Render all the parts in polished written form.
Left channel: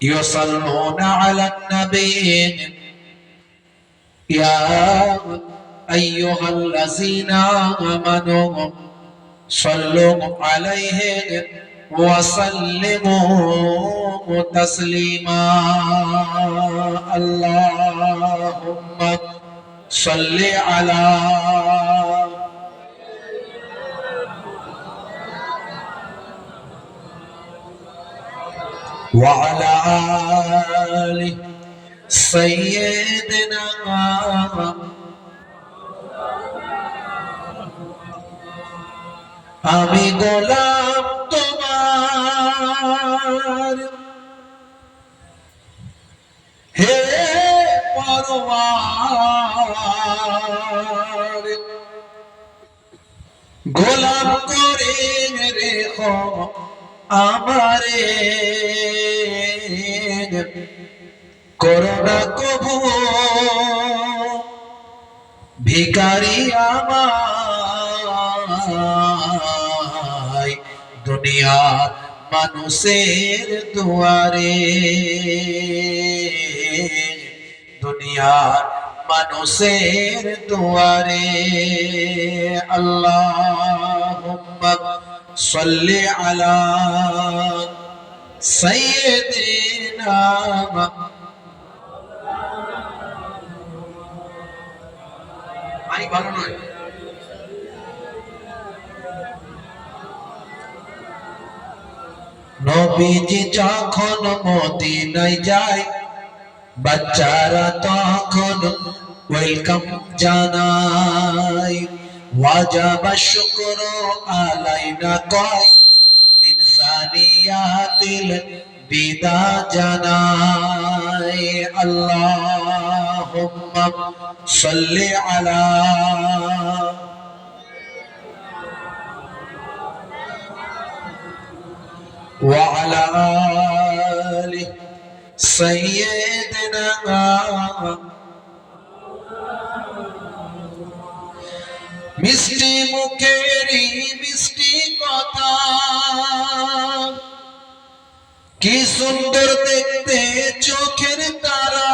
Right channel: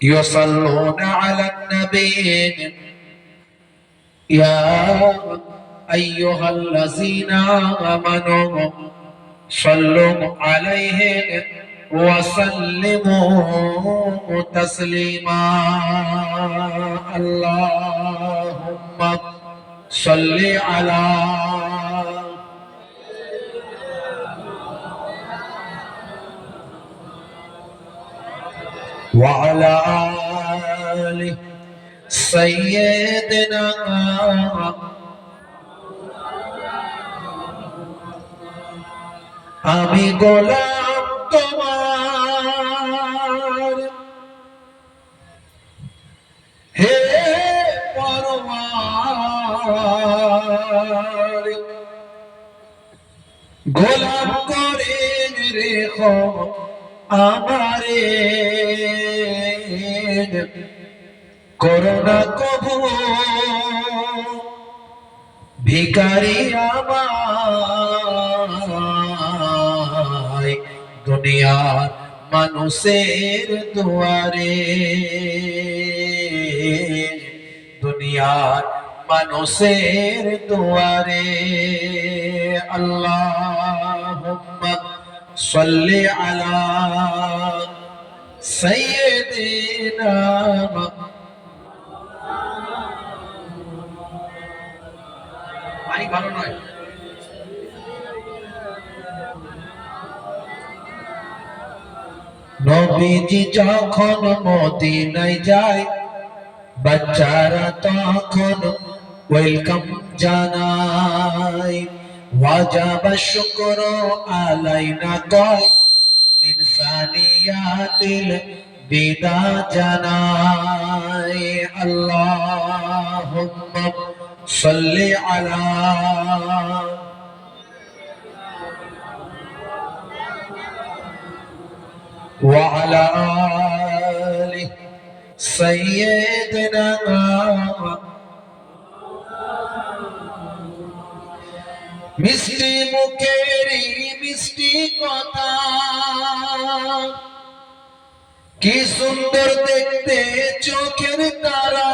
يصلون على النبي يا أيها الذين آمنوا صلوا عليه وسلموا تسليما اللهم صل على وعلى آل سيدنا আমি গোলাম তোমার হে পরওয়ার গোলাম করে রেখো আমারে করোনা কবু ভিখারি আমায় দুনিয়ার মানুষের দুয়ারে দুনিয়ার মানুষের দুয়ারে আল্লাহুম্মা সাল্লি আলা সাইয়্যিদিনা মাইক ভালো নয় নবীজি যখন মদিনায় যায় বাচ্চারা তখন ওয়েলকাম জানায় ওয়াজাবা শুকরু আলাইনা কয় মিন সানিয়াতিল বিদা জানায় আল্লাহুম্মা সাল্লি আলা وعلى آل سيدنا মিষ্টি মুখেরি মিষ্টি কথা কি সুন্দর দেখতে চোখের তারা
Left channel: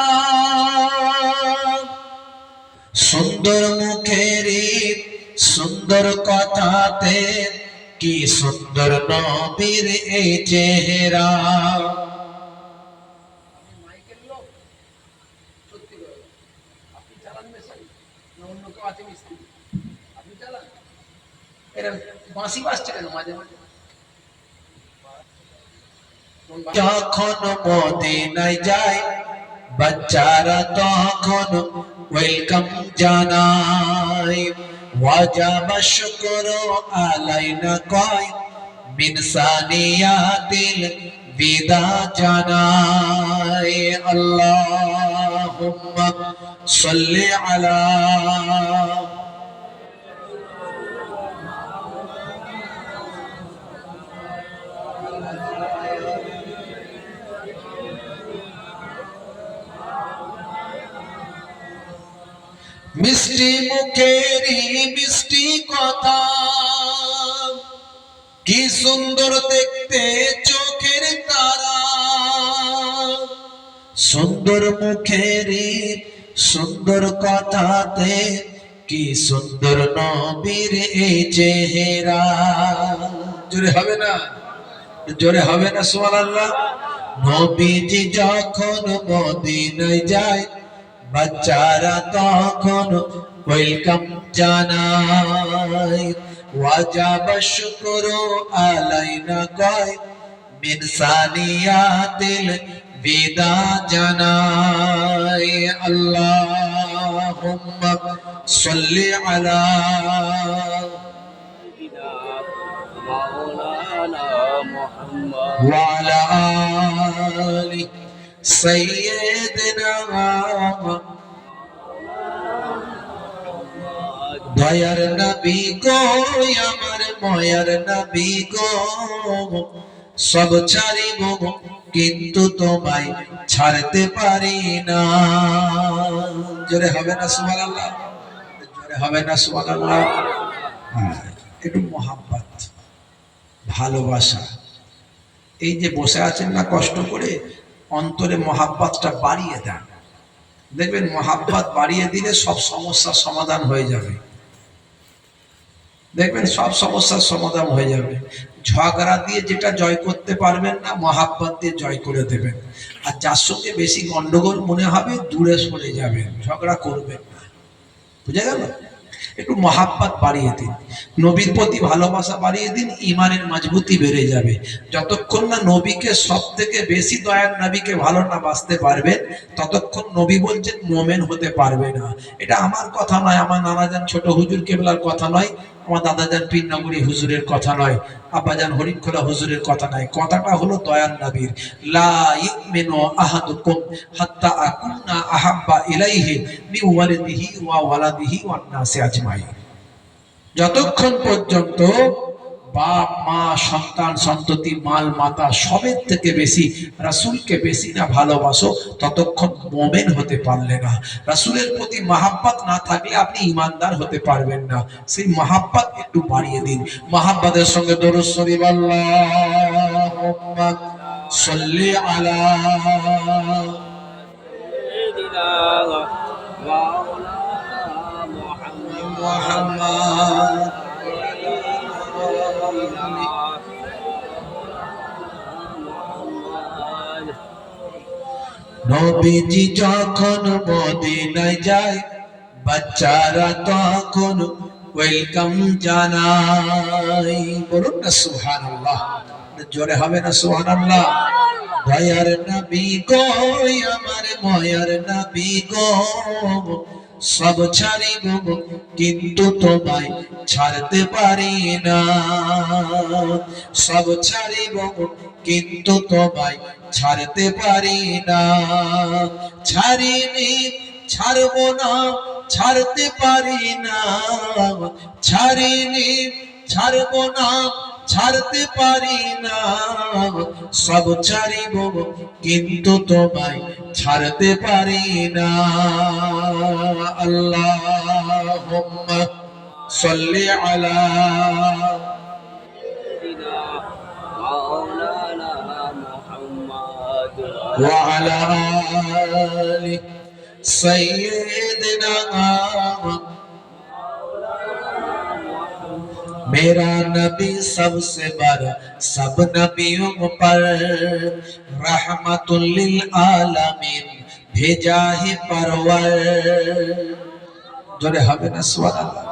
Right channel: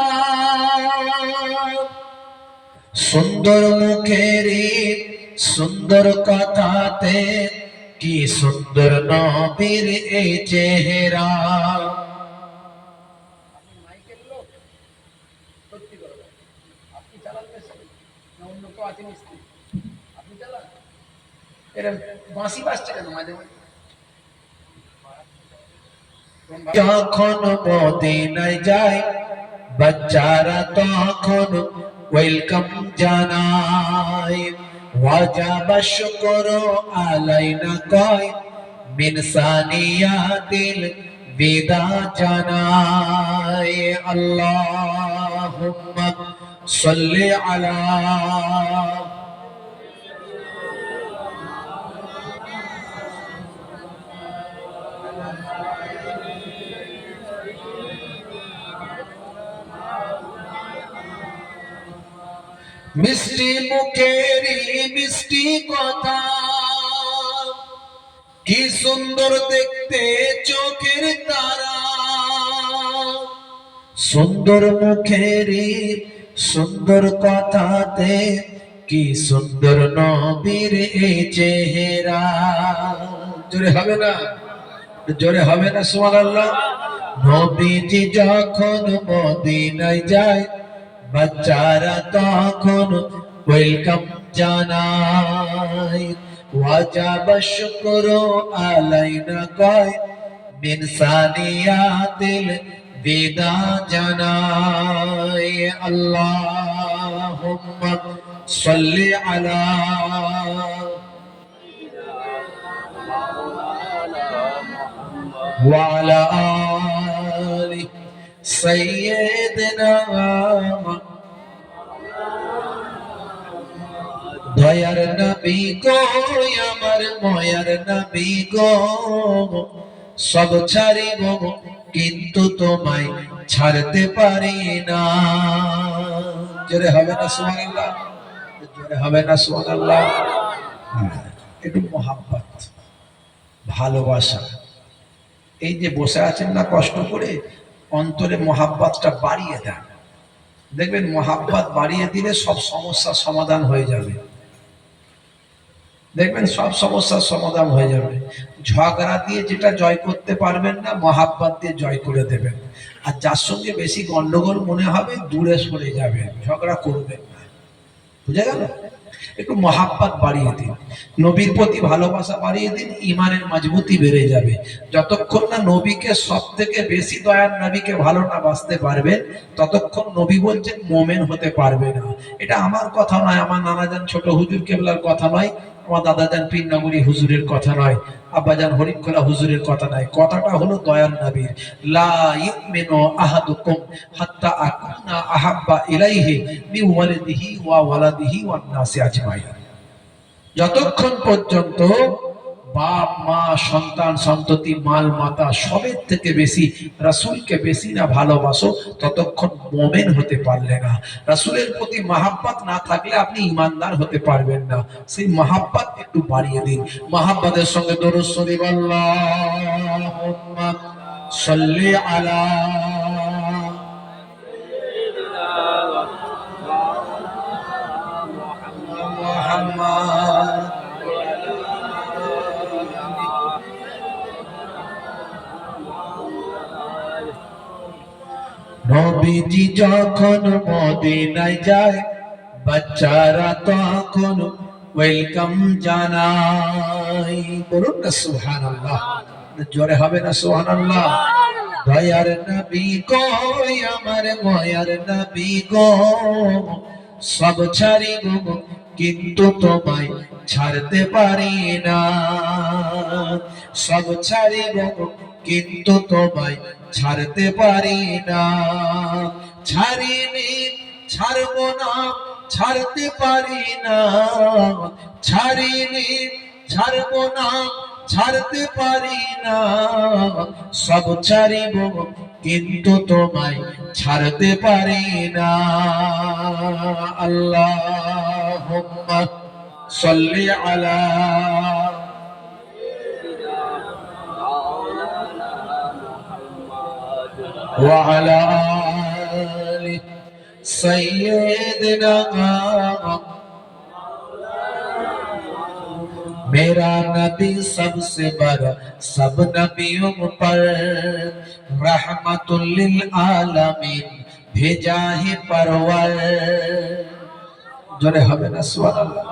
সুন্দর মুখেরি সুন্দর কথাতে কি সুন্দর নবীর এই চেহারা মাইকের লোক সত্যি করে আপনি চালান মেশিন অন্য কেউ আছে মিস্ত্রি আপনি চালান এর বাঁশি বাজছে কেন মাঝে মাঝে যখন মদিনায় যায় বাচ্চারা তখন ওয়েলকাম জানায় ওয়াজাবা শুকরু আলাইনা কয় মিন সানিয়াতিল বিদা জানায় আল্লাহুম্মা সাল্লি আলা মিষ্টি মুখেরি মিষ্টি কথা কি সুন্দর দেখতে চোখের তারা সুন্দর মুখেরি সুন্দর কথাতে কি সুন্দর নবীর এই চেহারা জোরে হবে না সুবহানাল্লাহ নবীজি যখন মদিনায় যায় বাচ্চারা তখন ওয়েলকাম জানায় ওয়াজাবা শুকরু আলাইনা কয় মিন সানিয়াতিল বিদা জানায় আল্লাহুম্মা সাল্লি আলা ওয়া আলা আলি সাইয়্যিদিনা দয়ার নবী গো আমার ময়ার নবী গো সব ছাড়িব কিন্তু তোমায় ছাড়তে পারি না জোরে হবে না সুবহানাল্লাহ জোরে হবে না সুবহানাল্লাহ একটু মোহাব্বত ভালোবাসা এই যে বসে আছেন না কষ্ট করে, অন্তরে মহাব্বতটা বাড়িয়ে দেন। দেখবেন মহাব্বত বাড়িয়ে দিলে সব সমস্যার সমাধান হয়ে যাবে। দেখবেন সব সমস্যার সমাধান হয়ে যাবে। ঝগড়া দিয়ে যেটা জয় করতে পারবেন না, মহাব্বত দিয়ে জয় করে দেবেন। আর যার সঙ্গে বেশি গন্ডগোল মনে হবে দূরে সরে যাবেন, ঝগড়া করবেন না। বুঝে গেল? একটু মহাব্বত বাড়িয়ে দিন, নবীর প্রতি ভালোবাসা বাড়িয়ে দিন, ইমানের মজবুতি বেড়ে যাবে। যতক্ষণ না নবীকে সব থেকে বেশি দয়ার নবীকে ভালো না বাসতে পারবেন, ততক্ষণ নবী বলছেন মোমেন হতে পারবে না। এটা আমার কথা নয়, আমার নানাজান ছোট হুজুর কেবলার কথা নয়, আমার দাদাজান পীরনগরী হুজুরের কথা নয়, আব্বাজান হরিখোলা হুজুরের কথা নয়। কথাটা হলো দয়ার নবীর, লা ইউমিনু আহাদুকুম হাত্তা আকুনা আহাব্বা ইলাইহি মিন ওয়ালিদিহি ওয়া ওয়ালাদিহি ওয়ান নাসি আজমাইন। যতক্ষণ পর্যন্ত বাপ মা সন্তান সন্ততি মাল মাতা সবের থেকে বেশি রাসূলকে বেশি না ভালোবাসো, ততক্ষণ মুমিন হতে পারলে না। রাসূলের প্রতি মহাব্বত না থাকলে আপনি ঈমানদার হতে পারবেন না। সেই মহাব্বত একটু বাড়িয়ে দিন। মহাব্বতের সঙ্গে দরুদ শরীফ, আল্লাহুম্মা সাল্লি আলা মুহাম্মাদ। নবীজি যখন মদিনায় যায়, বাচ্চারা তখন ওয়েলকাম জানায়। বলুন না সুবহানাল্লাহ, জোরে হবে না সুবহানাল্লাহ? দয়ার নবী গো, আমার ময়ার নবী গো, সব ছাড়িব কিন্তু তোমায় ছাড়তে পারি না। সব ছাড়িব কিন্তু তোমায় ছাড়তে পারি না। ছাড়িনি ছাড়বো না, ছাড়তে পারি না। ছাড়িনি ছাড়বো না, ছাড়তে পারি না। সব ছাড়িব কিন্তু তোমায় ছাড়তে পারি না। আল্লাহুম্মা সাল্লি আলা ওয়া আলা আলি সাইয়্যিদিনা। मेरा नबी सबसे बड़ा सब नबियों पर रहमतुल लिल आलमीन भेजा है परवर। जोरे हमें ना सुभान अल्लाह।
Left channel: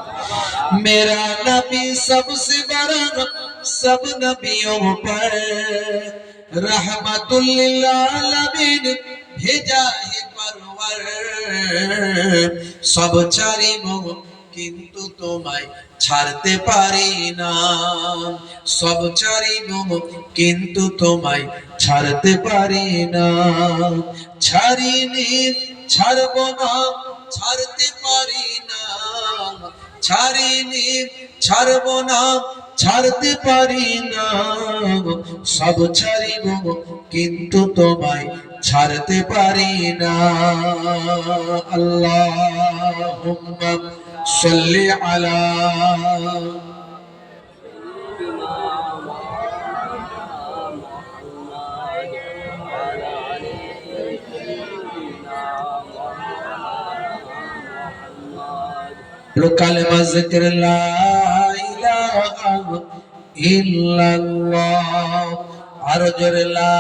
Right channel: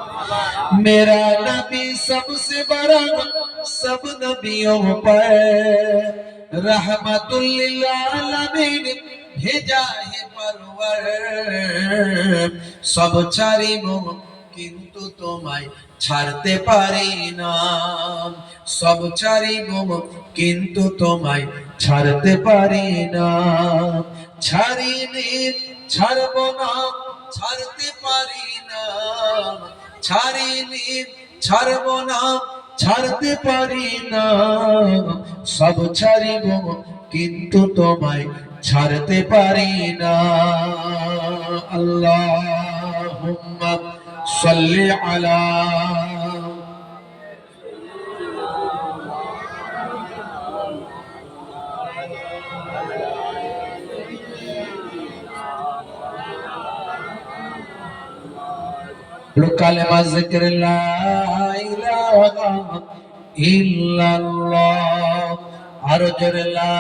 मेरा नबी सबसे बड़ा सब नबियों पर रहमतुल लिल आलमीन भेजा है परवर। सब ছাড়িব কিন্তু তোমায় ছাড়তে পারি না। সব ছাড়িব কিন্তু তোমায় ছাড়তে পারি না। ছাড়িনি ছাড়ব না, ছাড়তে পারি না। ছাড়িনি ছাড়ব না, ছাড়তে পারি না। সব ছাড়িব কিন্তু তোমায় ছাড়তে পারি না। আল্লাহুম্মা সাল্লি আলা কালেমা জিকির লা ইলাহা ইল্লাল্লাহ। আর জোরে লা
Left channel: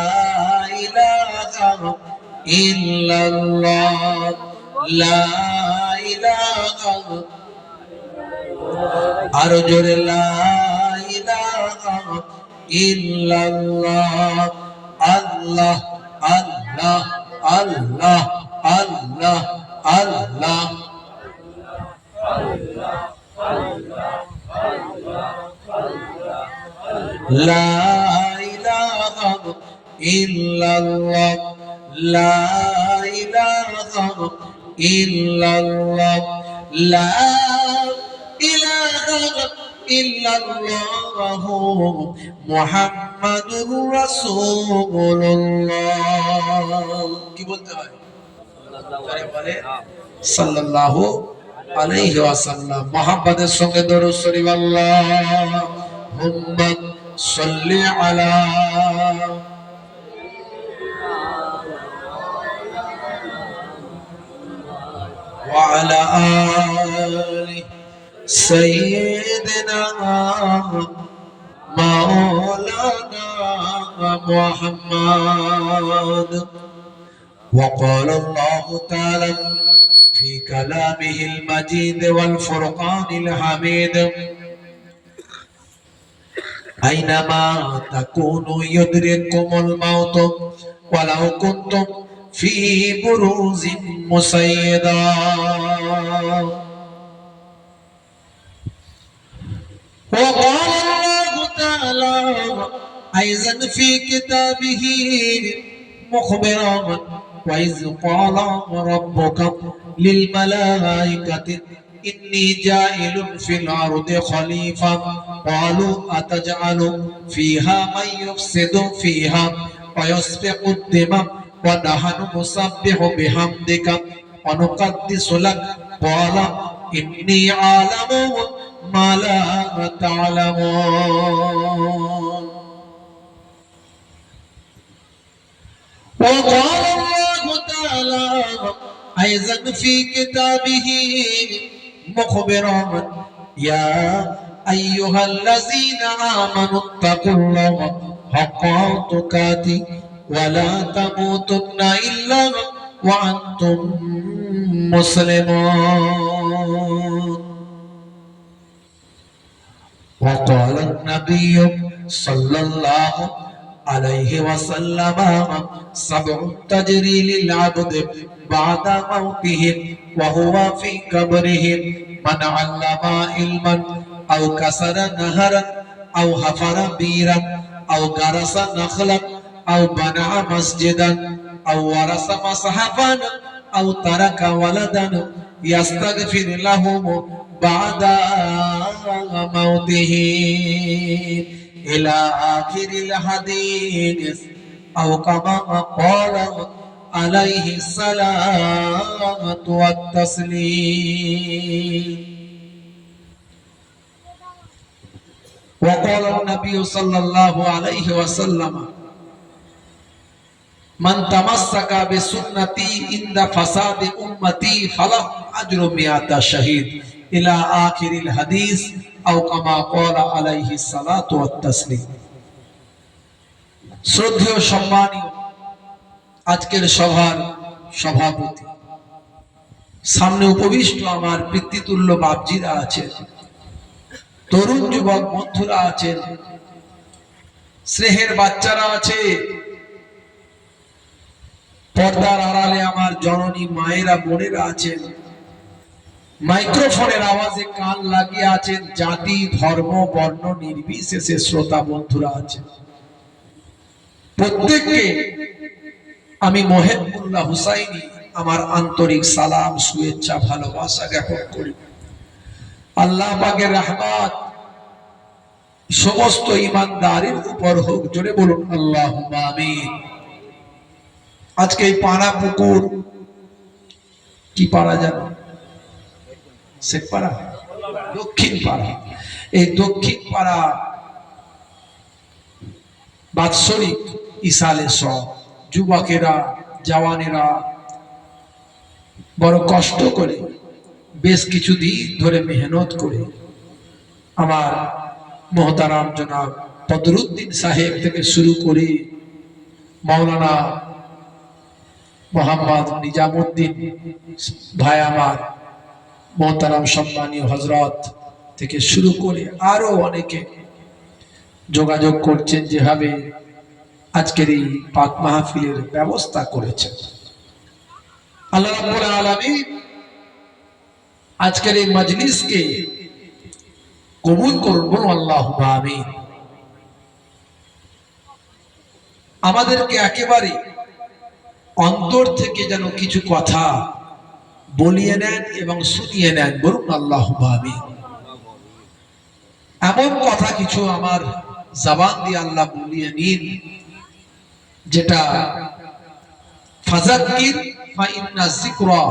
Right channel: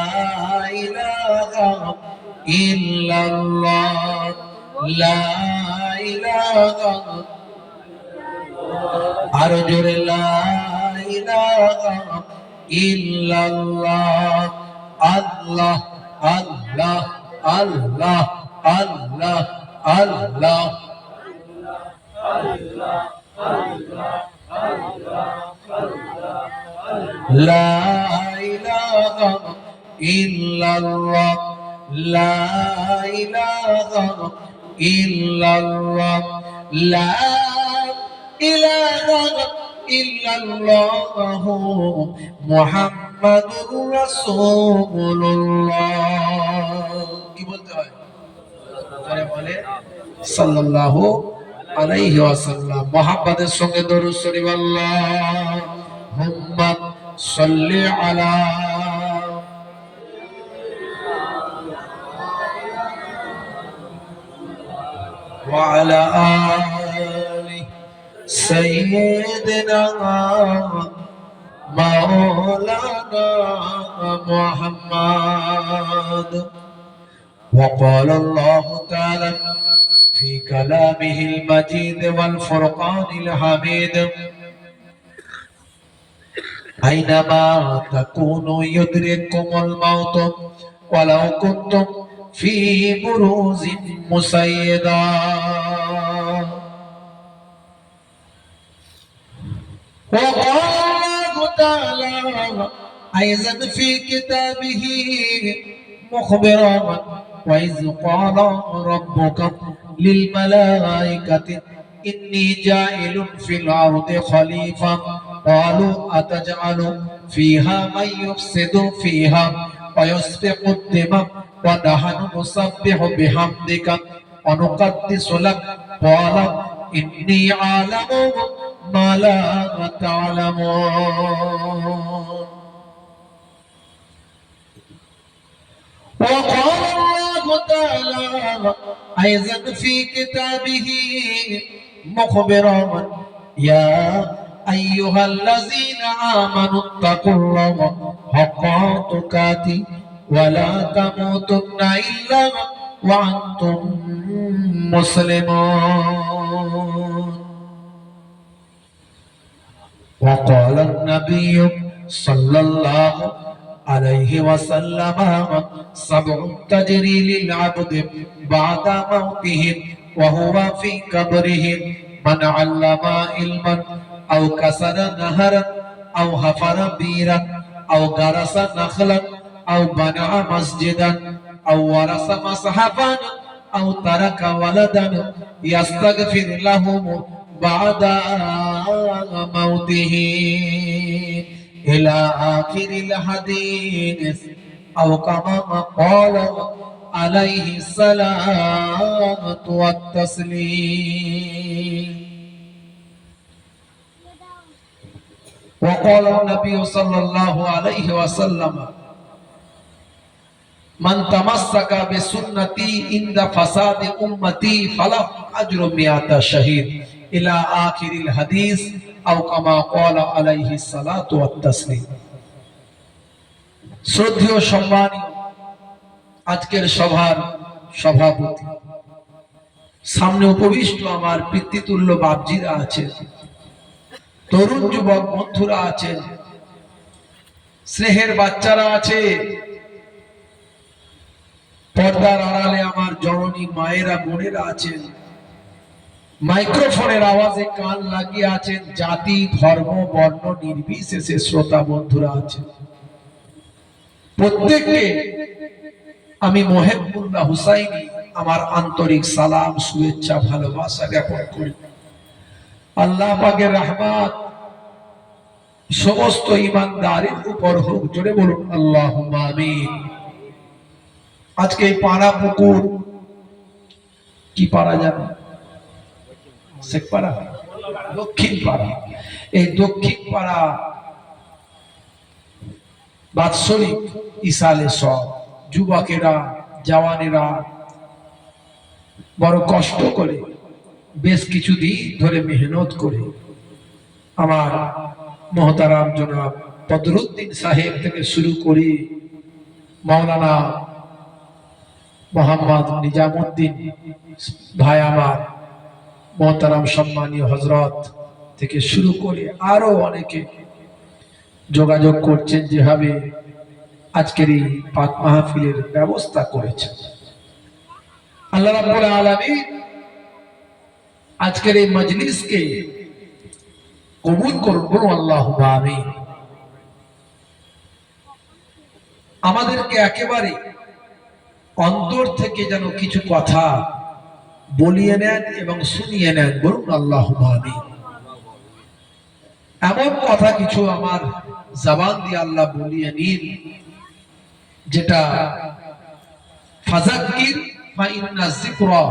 ইলাহা ইল্লাল্লাহ, লা ইলাহা। আর জোরে লা ইলাহা ইল্লাল্লাহ। আল্লাহ আল্লাহ আল্লাহ আল্লাহ আল্লাহ। লা ইলাহা ইল্লাল্লাহ, লা ইলাহা ইল্লাল্লাহ, লা ইলাহা ইল্লাল্লাহ মুহাম্মাদুর রাসূলুল্লাহ। কি বলতে হয়? আরে বলে সাল্লাল্লাহু আলাইহি ওয়াসাল্লাম। মুহাম্মাদের সঙ্গে দরুদ শরীফ, আল্লাহুম্মা সাল্লি আলা وعلى آل سيدنا مولانا محمد. وقال الله تعالى في كلامه المجيد والفرقان الحميد: أينما تكونوا يدرككم الموت ولو كنتم في بروز مسيدا. وقال الله تعالى أيضا في كتابه مخبرا: وإذ قال ربك للملائكة إني جاعل في الأرض خليفة قالوا أتجعل فيها من يفسد فيها ويسفك الدماء ونحن نسبح بحمدك ونقدس لك قال إني أعلم ما لا تعلمون. وقال الله تعالى أيضا في كتابه مخبرا: يا أيها الذين آمنوا اتقوا الله حق تقاته ولا تموتن إلا وأنتم مسلمون. وقال النبي صلى الله عليه وسلم: سبع تجري للعبد بعد موته وهو في قبره: من علم علما أو كسر نهرا أو حفر بيرا أو غرس نخلا أو بنى مسجدا أو ورث مصحفا أو ترك ولدا يستغفر لهم بعد موته إلى آخر الحديث أو كما قال عليه الصلاة والتسليم. وقال النبي صلى الله عليه وسلم: من تمسك بسنتي عند فساد أمتي فله أجر 100 شهيد إلى آخر الحديث أو كما قال عليه الصلاة والتسليم. শ্রদ্ধেয় সম্মানীয় আজকের সভার সভাপতি, সামনে উপবিষ্ট আমার পিতৃতুল্য বাপজিরা আছেন, তরুণ যুবক বন্ধুরা আছেন, স্নেহের বাচ্চারা আছে, পর্দার আড়ালে আমার জননী মায়েরা বোনেরা আছেন, মাইক্রোফোনের আওয়াজে কান লাগিয়ে আছেন, জাতি ধর্ম বর্ণ নির্বিশেষে শ্রোতা বন্ধুরা আছেন। প্রত্যেককে আমি মোহেবুল্লাহ হুসাইনি আমার আন্তরিক সালাম শুভেচ্ছা ভালোবাসা জ্ঞাপন করি। আল্লাহ পাকের রহমত সমস্ত ইমানদারের উপর হোক, জোরে বলুন আল্লাহুম্মা আমিন। আজকে এই পাড়া পুকুর কি পাড়া জানো? শেখ পাড়া, দক্ষিণ পাড়া। এই দক্ষিণ পাড়া বাৎসরিক ইসালে সব যুবকেরা জওয়ানেরা বড় কষ্ট করে বেশ কিছুদিন ধরে মেহনত করে আমার মহতারাম জনাব বদরুদ্দিন সাহেব থেকে শুরু করে মাওলানা মোহাম্মদ নিজামুদ্দিন ভাই আমার মহতারাম সম্মানীয় হজরত থেকে শুরু করে আরো অনেকে যোগাযোগ করছেন, যেভাবে আজকের এই পাক মাহফিলের ব্যবস্থা করেছেন। আল্লাহ রাব্বুল আলামিন আজকের এই মজলিসকে কবুল করুন, বলুন আল্লাহুম্মা আমিন। আমাদেরকে একেবারে অন্তর থেকে যেন কিছু কথা বলিয়ে নেন এবং শুনিয়ে নেন, বলুন আল্লাহুম্মা আমিন। এমন কথা কিছু আমার জবান দিয়ে আল্লাহ বলিয়ে নিন, যেটা ফাযাক্কির ফাইন্না যিকরা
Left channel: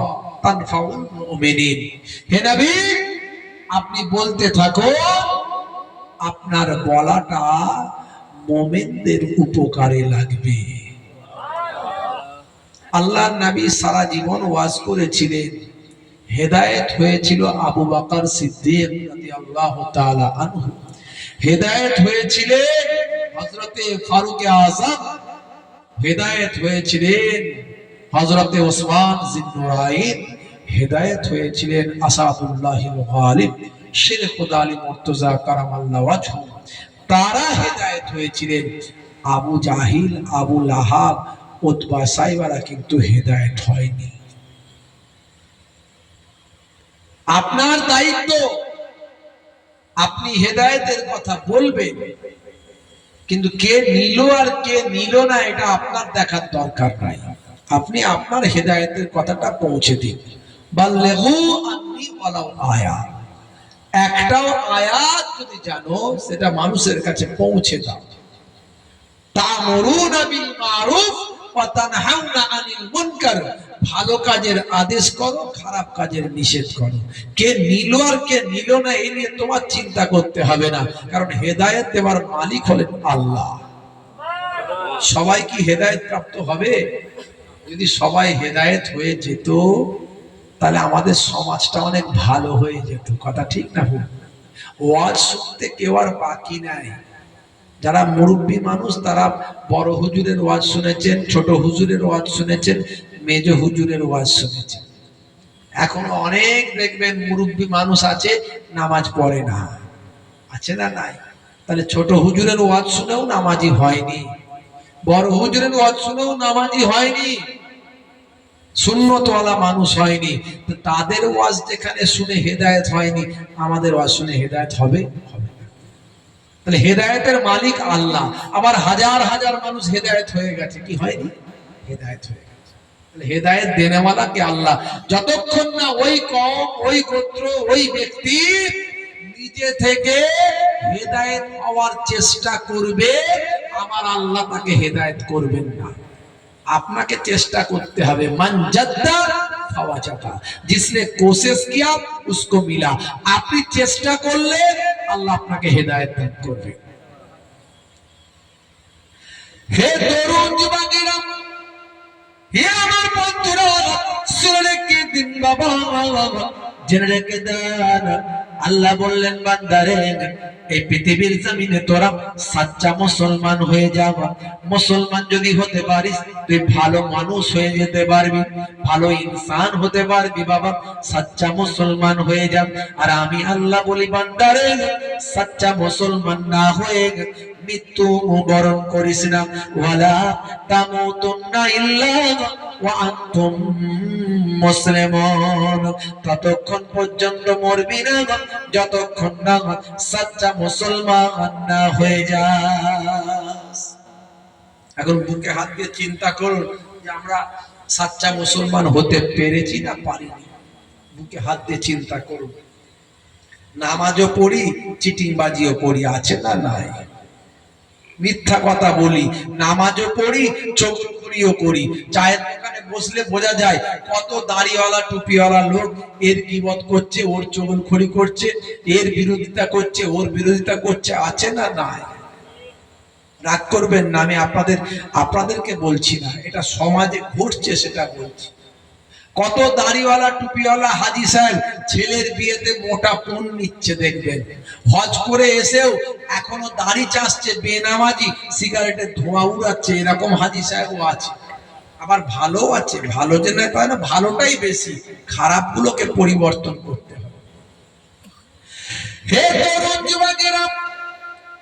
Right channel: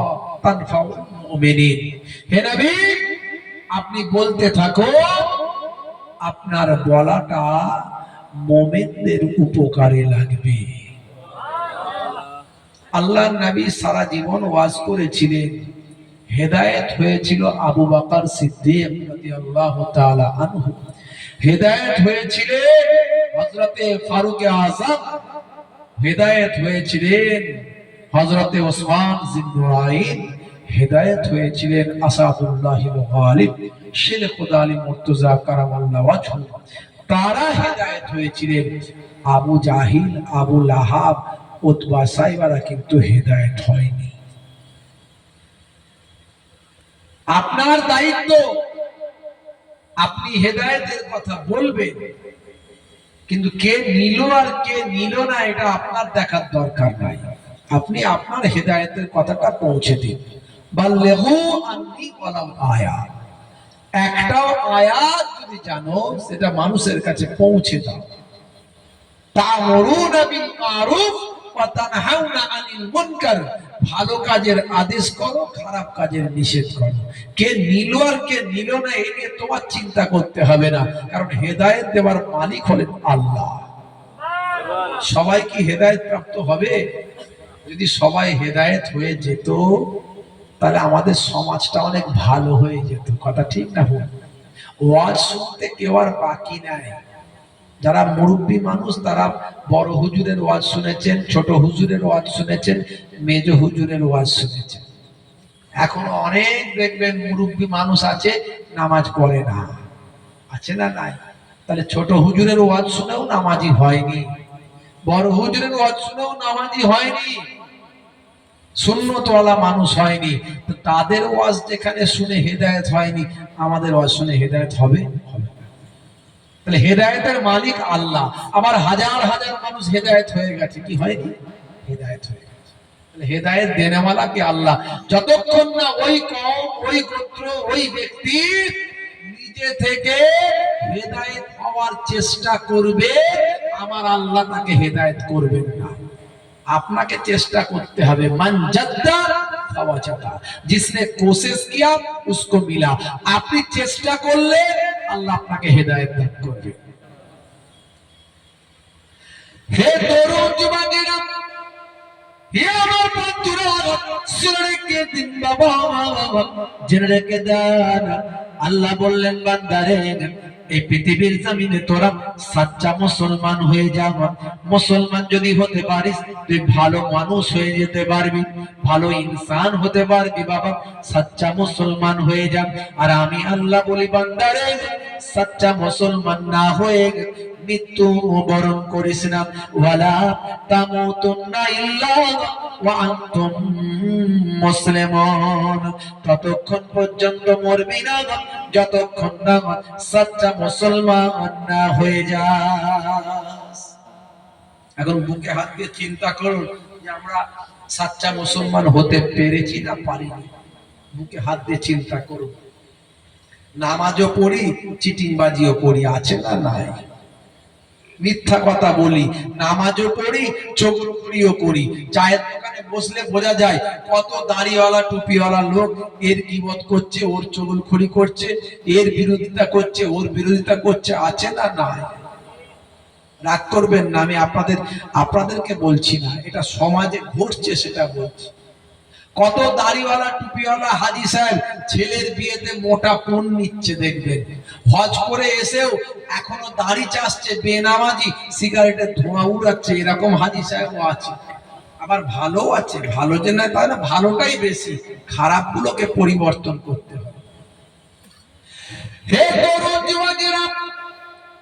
তানফাউল মুমিনিন। হে নবী, আপনি বলতে থাকুন, আপনার বলাটা মুমিনদের উপকারে লাগবে। আল্লাহর নবী সারা জীবন ওয়াজ করেছিলেন, হেদায়েত হয়েছিল আবু বকর সিদ্দিক রাদিয়াল্লাহু তাআলা আনহু, হেদায়েত হয়েছিলেন হযরতে ফারুক আযম, হেদায়েত হয়েছিলেন হযরতে ওসমান জিন্নুরাইন, হেদায়েত হয়েছিলেন আসাদুল্লাহিল গালিব শেখ খুদা আলী মুর্তজা কারামাল্লাহু ওয়াজহু। তারা হেদায়েত হয়েছিলেন। আবু জাহিল, আবু লাহাব, উতবা সাইবারা কিন্তু হেদায়েত হয়নি। আপনার দায়িত্ব, আপনি হেদায়েতের কথা বলবেন, কিন্তু কে নিল আর কে নিল না এটা আপনার দেখার দরকার নাই। আপনি আপনার হেদায়েতের কথাটা পৌঁছে দিন। বাল্লিগু আন্নী ওয়ালাউ আয়া, একটাও আয়াত যদি জানো সেটা মানুষের কাছে পৌঁছে দাও। তা'মুরুনা বিল মারুফ ওয়া তানহাউনা আনিল মুনকার, ভালো কাজের আদেশ করো, খারাপ কাজের নিষেধ করো। কে নিল আর কে নিল না এই নিয়ে তোমার চিন্তা করতে হবে না, কারণ হেদায়েত দেওয়ার মালিক হলেন আল্লাহ। সবাই কি হেদায়েত প্রাপ্ত হবে? যদি সবাই হেদায়েত হয়ে যেত তাহলে আমাদের সমাজটা অনেক ভালো হয়ে যেত। কথা ঠিক না ভুল? ওয়াজ শুনতে কেউ আর বাকি নাই। যারা মুরব্বী মানুষ তারা বড় হুজুরের ওয়াজ শুনেছেন, ছোট হুজুরের ওয়াজ শুনেছেন, মেজ হুজুরের ওয়াজ শুনেছেন। এখনো অনেক দেখবেন মুরব্বী মানুষ আছে নামাজ পড়ে না, আছে না নাই? তাহলে ছোট হুজুরের ওয়াজ শুনেও নামাজি হয়নি, বড় হুজুরের ওয়াজ শুনেও নামাজি হয়নি, সুন্নতওয়ালা মানুষ হয়নি। তো তাদের ওয়াজ যেখানে শুনে হেদায়েত হয়নি, আমাদের ওয়াজ শুনে হেদায়েত হবে? হবে না। তাহলে হেদায়েতের মালিক আল্লাহ। আবার হাজার হাজার মানুষ হেদায়েত হয়ে গেছে, কি হয়নি? হেদায়েত হয়ে গেছে। তাহলে হেদায়েত দেনেওয়ালা কে? আল্লাহ। যতক্ষণ না ওই কওম, ওই গোত্র, ওই ব্যক্তি নিজে থেকে হেদায়েত পাওয়ার চেষ্টা করবে, আমার আল্লাহ তাকে হেদায়েত করবেন না। আপনাকে চেষ্টা করতে হবে। মান জাদ্দা ফাওয়াজাদা, जिसने कोशिश किया उसको मिला। আপনি চেষ্টা করলে আল্লাহ আপনাকে হেদায়েত দান করবে। হে তরুণ যুবকেরা, হে আমার বন্ধুরা, শুনে রেখে দিন বাবা, জেনে রেখে দেন, আল্লাহ বললেন বান্দারে এই পৃথিবীর জমিনে তোরা সাচ্চা মুসলমান হয়ে যাবা। মুসলমান যদি হতে পারিস তুই ভালো মানুষ হয়ে যেতে পারবি, ভালো ইনসান হতে পারবি বাবা। সাচ্চা মুসলমান হয়ে যা। আর আমি আল্লাহ বলি বান্দারে সাচ্চা মুসলমান না হয়ে মৃত্যু বরণ করিস না। ওয়ালা তামুতুন্না ইল্লা ওয়া আনতুম মুসলিমুন, ততক্ষণ পর্যন্ত মরবি না যতক্ষণ না সাচ্চা মুসলমান না হয়ে যাস। এখন বুকে হাত দিয়ে চিন্তা করুন যে আমরা সাচ্চা মুসলমান হতে পেরেছি না পারিনি। বুকে হাত দিয়ে চিন্তা করুন। নামাজও পড়ি, চিটিংবাজিও করি, আছে না নাই? মিথ্যা কথা বলি, নামাজও পড়ি, চোখগুলিও করি। চায়ের দোকানে বসলে বোঝা যায় কত দাড়িওয়ালা টুপিওয়ালা লোক এর গীবত করছে, ওর চগলখড়ি করছে, এর বিরোধিতা করছে, ওর বিরোধিতা করছে, আছে না নাই? রাগ করবেন না, আমি আপনাদেরকে বলছি না, এটা সমাজে ঘটছে সেটা বলছি। কত দাড়িওয়ালা টুপিওয়ালা হাজি সাহেব ছেলের বিয়েতে মোটা পণ নিচ্ছে দেখবেন, হজ করে এসেও এখনো দাড়ি চাষছে, বেনামাজি, সিগারেটের ধোঁয়া উড়াচ্ছে, এরকম হাজি সাহেবও আছে। আবার ভালো আছে, ভালো যে নয় তাহলে ভালোটাই বেশি, খারাপ গুলোকে পরিবর্তন করতে হবে। হে তরুণ যুবকেরা,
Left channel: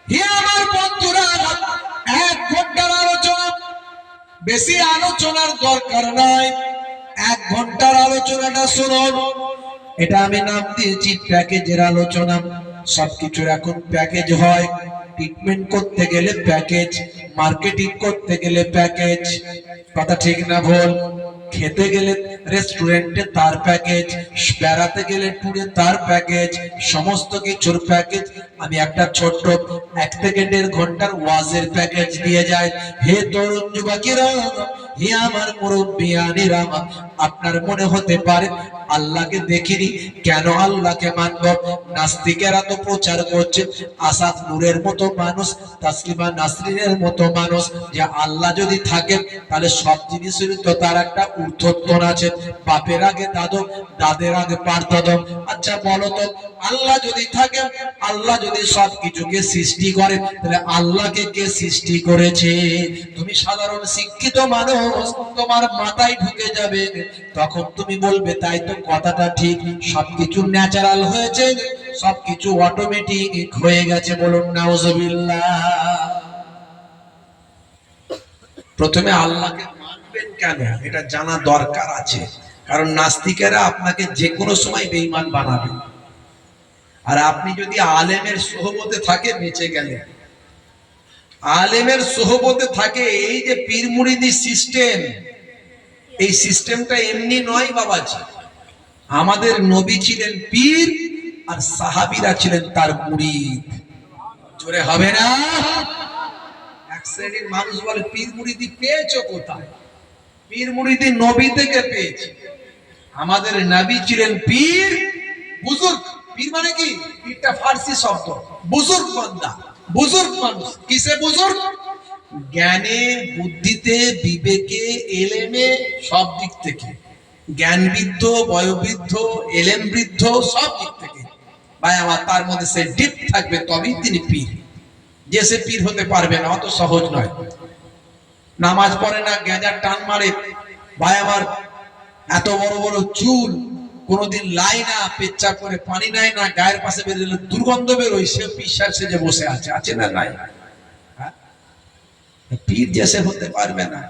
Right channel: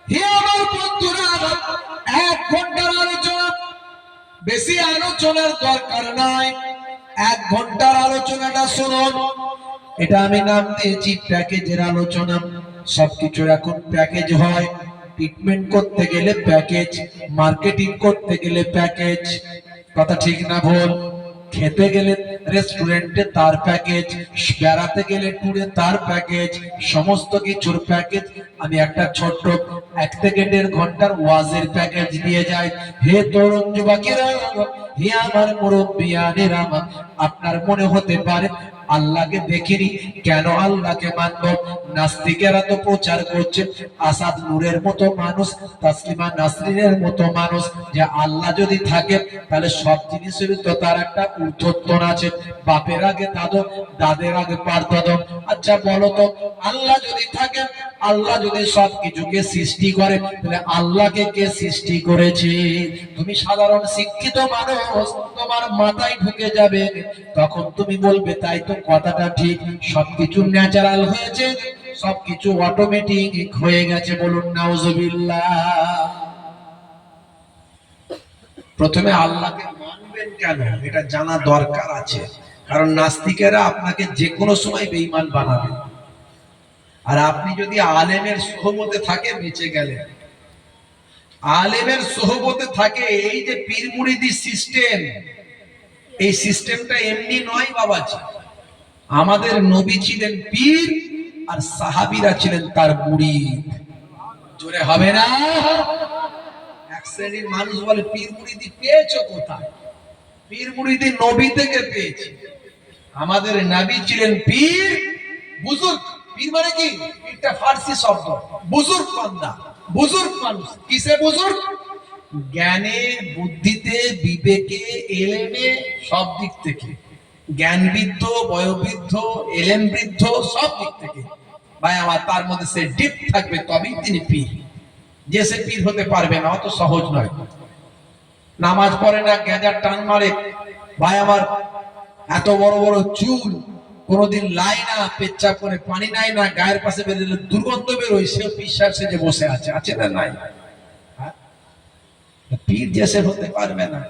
হে আমার বন্ধুরা, 1 ঘন্টার আলোচনা, বেশি আলোচনার দরকার নাই। 1 ঘন্টার আলোচনাটা শুনুন। এটা আমি নাম দিয়েছি প্যাকেজের আলোচনা। সবকিছু এখন প্যাকেজ হয়। ট্রিটমেন্ট করতে গেলে প্যাকেজ, মার্কেটিং করতে গেলে প্যাকেজ, কথা ঠিক না ভুল? খেতে গেলে রেস্টুরেন্টে তার প্যাকেজ, বেড়াতে গেলে ট্যুরে তার প্যাকেজ, সমস্ত কিছুর প্যাকেজ। আমি একটা ছোট্ট 1 থেকে 1.5 ঘন্টার ওয়াজের প্যাকেজ দিয়ে যাই। হে তরুণ যুবকেরা, হে আমার মুরব্বিয়ানেরা, আপনার মনে হতে পারে আল্লাহকে দেখিনি, কেন আল্লাহকে মানব? নাস্তিকেরা তো প্রচার করছে আসাদ নূরের মতো মানুষ, তাসলিমা নাসরিনের মতো মানুষ, যে আল্লাহ যদি থাকে তাহলে সব জিনিসের তো তার একটা ঊর্ধ্বতন আছে। বাপের আগে দাদু, দাদের আগে পারদাদু। আচ্ছা বলো তো, আল্লাহ যদি থাকে, আল্লাহ যদি সবকিছুকে সৃষ্টি করে, তাহলে আল্লাহকে কে সৃষ্টি করেছে? তুমি সাধারণ শিক্ষিত মানুষ, তোমার মাথায় ঢুকে যাবে, তখন তুমি বলবে তাই তো, কথাটা ঠিক, সবকিছু ন্যাচারাল হয়েছে, সবকিছু অটোমেটিক হয়ে গেছে। বলুন নাউজুবিল্লাহ। প্রথমে আল্লাহকে মানবেন কেন, এটা জানা দরকার আছে। কারণ নাস্তিকেরা আপনাকে যে কোনো সময় বেঈমান বানাবে। আর আপনি যদি আলেমের সোহবতে থাকে, বেঁচে গেলেন। আলেমের সোহবতে থাকে, এই যে পীর মুরিদি সিস্টেম, এই সিস্টেমটা এমনি নয় বাবাজি। আমাদের নবী ছিলেন পীর, আর সাহাবীরা ছিলেন তার মুরিদ। জোরে হবে না? এক শ্রেণীর মানুষ বলে পীর মুরিদি পেয়েছো কোথায়? পীর মুরিদি নবী থেকে পেয়েছি। আমাদের নবী ছিলেন পীর, বুজুর্গ। পীর মানে কি? পীরটা ফার্সি শব্দ, বুজুর্গ বান্দা, বুজুর্গ মানুষ। কিসে বুজুর্গ? জ্ঞানে, বুদ্ধিতে, বিবেকে, এলেমে, সব দিক থেকে। জ্ঞান বৃদ্ধ, বয়োবৃদ্ধ, এলেম বৃদ্ধ, সব দিক থেকে। ভাই আমার, তার মধ্যে সে ডিপ থাকবে, তবেই তিনি পীর। যে সে পীর হতে পারবে না, অত সহজ নয়। নামাজ পড়ে না, গ্যাঁজার টান মারে, ভাই আমার, এত বড় বড় চুল, কোনদিন লাই না, পেচ্ছাপ করে পানি নেয় না, গায়ের পাশে বেরোলে দুর্গন্ধ বেরোয়, সে পিসার সেজে বসে আছে, আছে না নাই? পীর যে সে হতে পারবে না।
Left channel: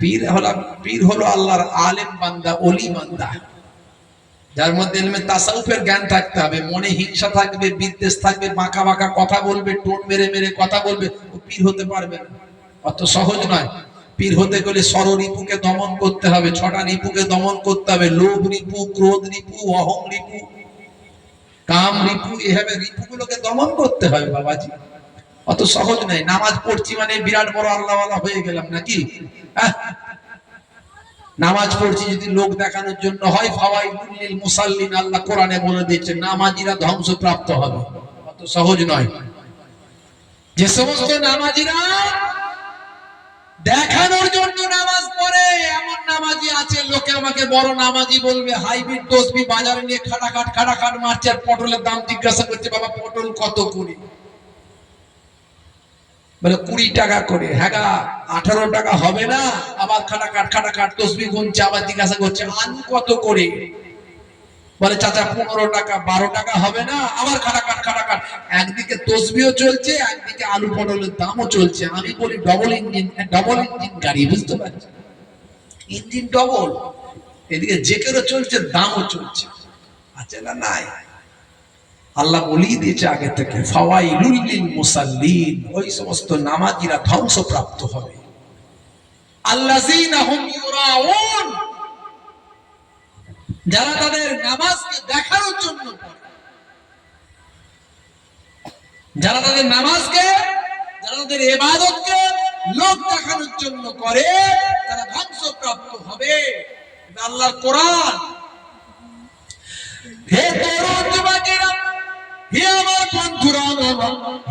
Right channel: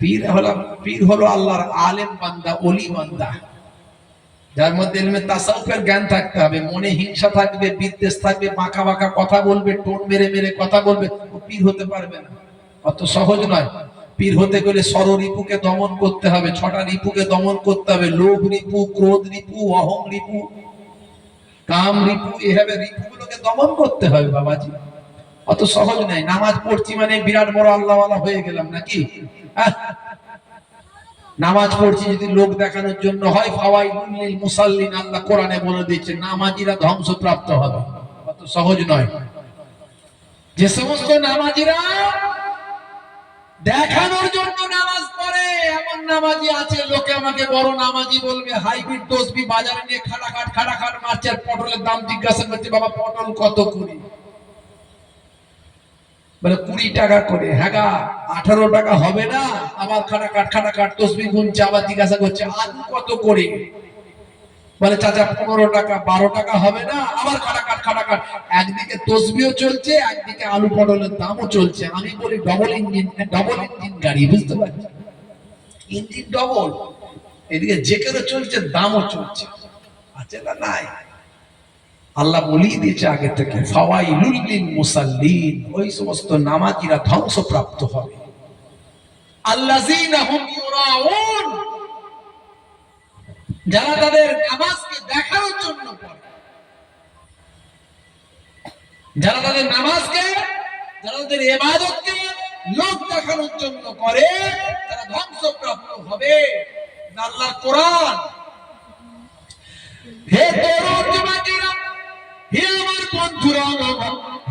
পীর হলো আল্লাহর আলেম বান্দা, ওলি বান্দা, যার মধ্যে ইলমে তাসাউফের জ্ঞান থাকতে হবে। মনে হিংসা থাকবে, বিদ্বেষ থাকবে, বাঁকা বাঁকা কথা বলবে, টোন মেরে মেরে কথা বলবে, ও পীর হতে পারবে না। অত সহজ নয়। পীর হতে গেলে ষড় রিপুকে দমন করতে হবে, 6টা রিপুকে দমন করতে হবে। লোভ রিপু, ক্রোধ রিপু, অহং রিপু, কাম রিপু, এভাবে রিপুগুলোকে দমন করতে হবে বাবাজি। অত সহজ নয়। নামাজ পড়ছি মানে বিরাট বড় আল্লাহওয়ালা হয়ে গেলাম নাকি? নামাজ পড়ছি যদি লোক দেখানোর জন্য হয়, ফাওয়াইলুল লিল মুসাল্লিন, আল্লাহ কোরআনে বলে দিয়েছে নামাজিরা ধ্বংসপ্রাপ্ত হবে। অত সহজ নয়। যে সমস্ত নামাজিরা দেখানোর জন্য নামাজ পড়ে, এমন নামাজি আছে, লোকে আমাকে বড় নামাজি বলবে, হাইব্রিড তসবি বাজারে নিয়ে খাটাখাট মারছে, আর পটলের দাম জিজ্ঞাসা করছে, বাবা পটল কত করে? বলে 20 টাকা করে। হ্যাঁ, 18 টাকা হবে না? আবার খাটাখাট তসবি গুনছে, আবার জিজ্ঞাসা করছে আলু কত করে? বলে চাচা 15 টাকা। 12 টাকা হবে না? আবার খাটাখাট। একদিকে তসবিও চলছে, একদিকে আলু পটলের দামও চলছে। আমি বলি ডবল ইঞ্জিন গাড়ি, বুঝতে পারছি, ইঞ্জিন ডবল, এদিকে জেকেরও চলছে, দামও চলছে, আছে না নাই? আল্লাহ বলিয়ে দিয়েছে আগে থেকে, ফাওয়াইলুল লিল মুসাল্লিন, ওই সমস্ত নামাজিরা ধ্বংসপ্রাপ্ত হবে। আল্লাযীনা হুম ইউরাউন, যারা তাদের নামাজকে দেখানোর জন্য পড়ে, যারা তাদের নামাজকে, যারা তাদের ইবাদতকে লোক দেখানোর জন্য করে, তারা ধ্বংসপ্রাপ্ত হবে। আল্লাহর কোরআন। হে তরুণ যুবকেরা, হে আমার বন্ধুরা,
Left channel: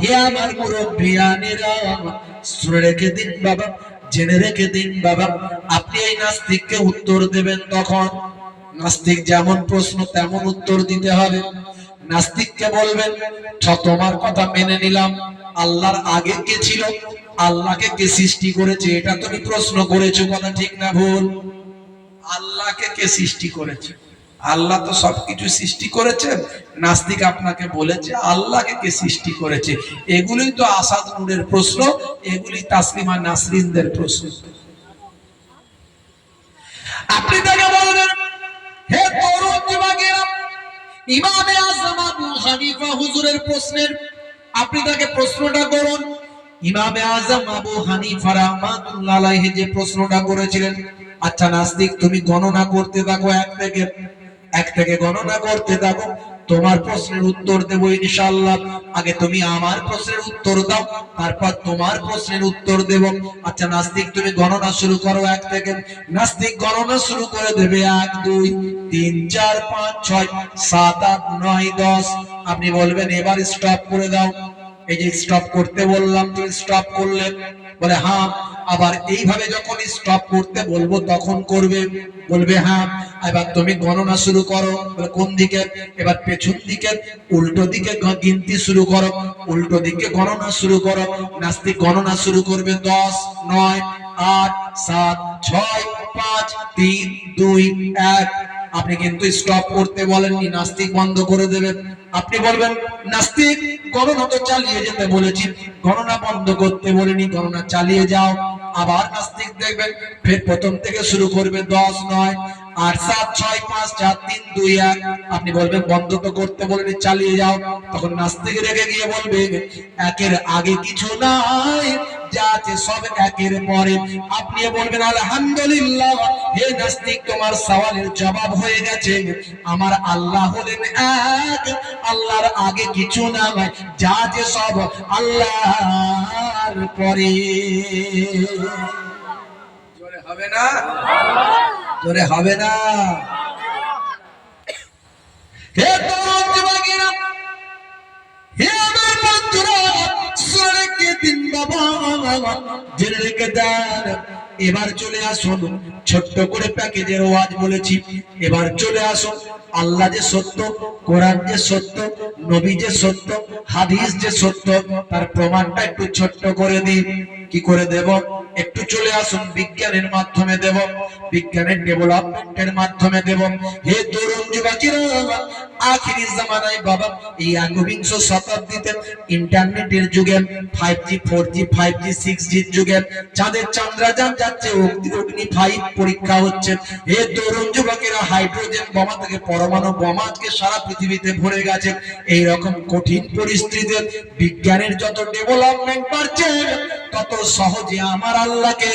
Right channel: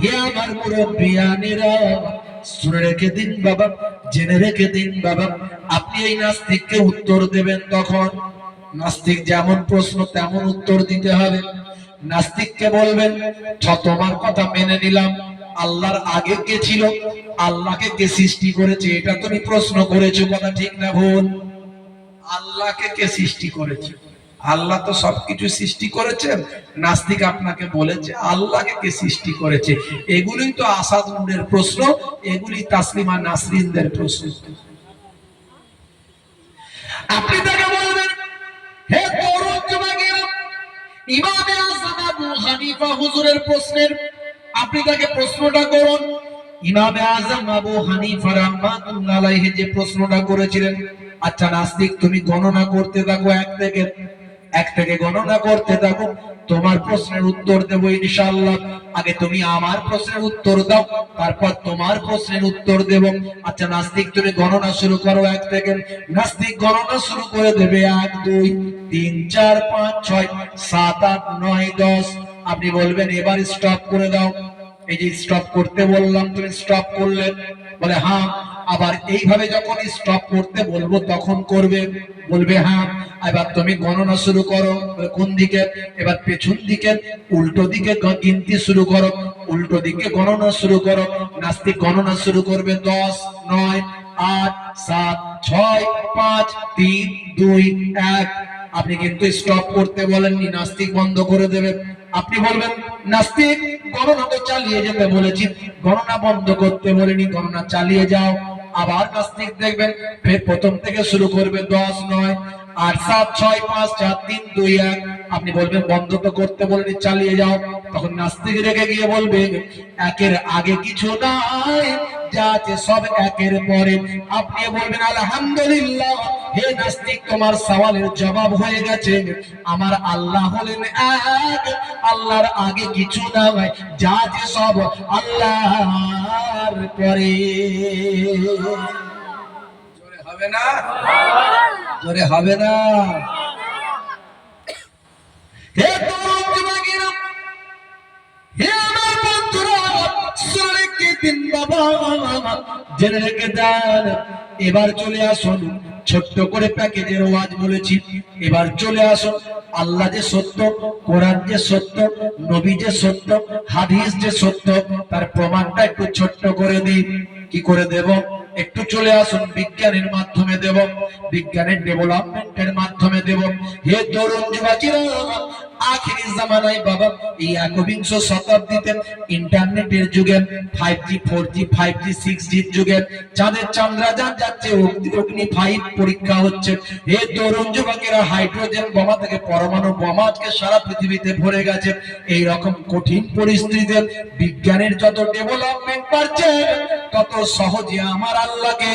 হে আমার মুরব্বিয়ানেরা, শুনে রেখে দিন বাবা, জেনে রেখে দিন বাবা, আপনি এই নাস্তিককে উত্তর দেবেন তখন, নাস্তিক যেমন প্রশ্ন তেমন উত্তর দিতে হবে। নাস্তিককে বলবেন, তোমার কথা মেনে নিলাম, আল্লাহর আগে কে ছিল, আল্লাহকে কে সৃষ্টি করেছে, এটা তুমি প্রশ্ন করেছো, কথা ঠিক না ভুল? আল্লাহকে কে সৃষ্টি করেছে? আল্লাহ তো সবকিছু সৃষ্টি করেছেন। নাস্তিক আপনাকে বলেছে আল্লাহকে কে সৃষ্টি করেছে। এগুলোই তো আসাদ নূরের প্রশ্ন, এগুলি তাসলিমা নাসরিনদের প্রশ্ন। আপনি তাকে বলবেন, হে তরুণ যুবকেরা, ইমামে আযম আবু হানিফা হুজুরের প্রশ্নের আপনি তাকে প্রশ্নটা করুন। ইমামে আযম আবু হানিফা রাহমাতুল্লাহ আলাইহি যে প্রশ্নটা করেছিলেন, আচ্ছা নাস্তিক তুমি গণনা করতে থাকো, এক থেকে গণনা করতে থাকো, তোমার প্রশ্নের উত্তর দেব ইনশাআল্লাহ। আগে তুমি আমার প্রশ্নের উত্তর দাও, তারপর তোমার প্রশ্নের উত্তর দেব। আচ্ছা নাস্তিক, তুমি গণনা শুরু করো 1 থেকে। নাস্তিক গণনা শুরু করে দেবে 1 2 3 4 5 6 7 8 9 10। আপনি বলবেন এবার স্টপ করে দাও। এই যে স্টপ করতে বললাম, তুমি স্টপ করলে, বলে হ্যাঁ। আবার এইভাবে যখন স্টপ করতে বলবো তখন করবে, বলবে হ্যাঁ। এবার তুমি গণনা শুরু করো, কোন দিকে? এবার পেছন দিকে, উল্টো দিকে গিনতি শুরু করো, উল্টো দিকে গণনা শুরু করো। নাস্তিক গণনা শুরু করবে 10 9 8 7 6 5 3 2 1। আপনি কিন্তু স্টপ করতে বলেননি, নাস্তিক বন্ধ করে দেবে। আপনি বলবেন নাস্তিক গণনা তো চালিয়ে যেতে বলেছি, গণনা বন্ধ করতে বলিনি, গণনা চালিয়ে যাও। আবার নাস্তিক দেখবেন ফের প্রথম থেকে শুরু করবে 10 9 8 7 6 5 4 3 2 1। আপনি বলবেন বন্ধ তো করতে বলিনি, চালিয়ে যাও। তখন নাস্তিক রেগে গিয়ে বলবে একের আগে কিছু নাই, যা আছে সব একের পরে। আপনি বলবেন আলহামদুলিল্লাহ। হে নাস্তিক, তোমার সওয়ালের জবাব হয়ে গেছে। আমার আল্লাহ হলেন এক, আল্লাহর আগে কিছু নাই, যা আছে সব আল্লাহর পরে। জোরে হবে না? জোরে হবে না? হে তরুণ যুবকেরা, হে আমার বন্ধুরা, শুনে রেখে দিন বাবা, জেনে রেখে দেন। এবার চলে আসুন, ছোট্ট করে প্যাকেজের ওয়াজ বলেছি। এবার চলে আসুন, আল্লাহ যে সত্য, কোরআন যে সত্য, নবী যে সত্য, হাদিস যে সত্য, তার প্রমাণটা একটু ছোট্ট করে দিই। কি করে দেব? একটু চলে আসুন, বিজ্ঞানের মাধ্যমে দেব, বিজ্ঞানের ডেভেলপমেন্টের মাধ্যমে দেব। হে তরুণ যুবকেরা, আখিরি জামানায় বাবা, এই একবিংশ শতাব্দীতে ইন্টারনেটের যুগে, 5G 4G 5G 6G যুগে চাঁদের চন্দ্রযান যাচ্ছে, অগ্নি 5 পরীক্ষা হচ্ছে। হে তরুণ যুবকেরা, হাইড্রোজেন বোমা থেকে পরমাণু বোমা আজকে সারা পৃথিবীতে ভরে গেছে। এই রকম কঠিন পরিস্থিতিতে বিজ্ঞানের যত ডেভেলপমেন্ট বাড়ছে, তত সহজে আমার আল্লাহকে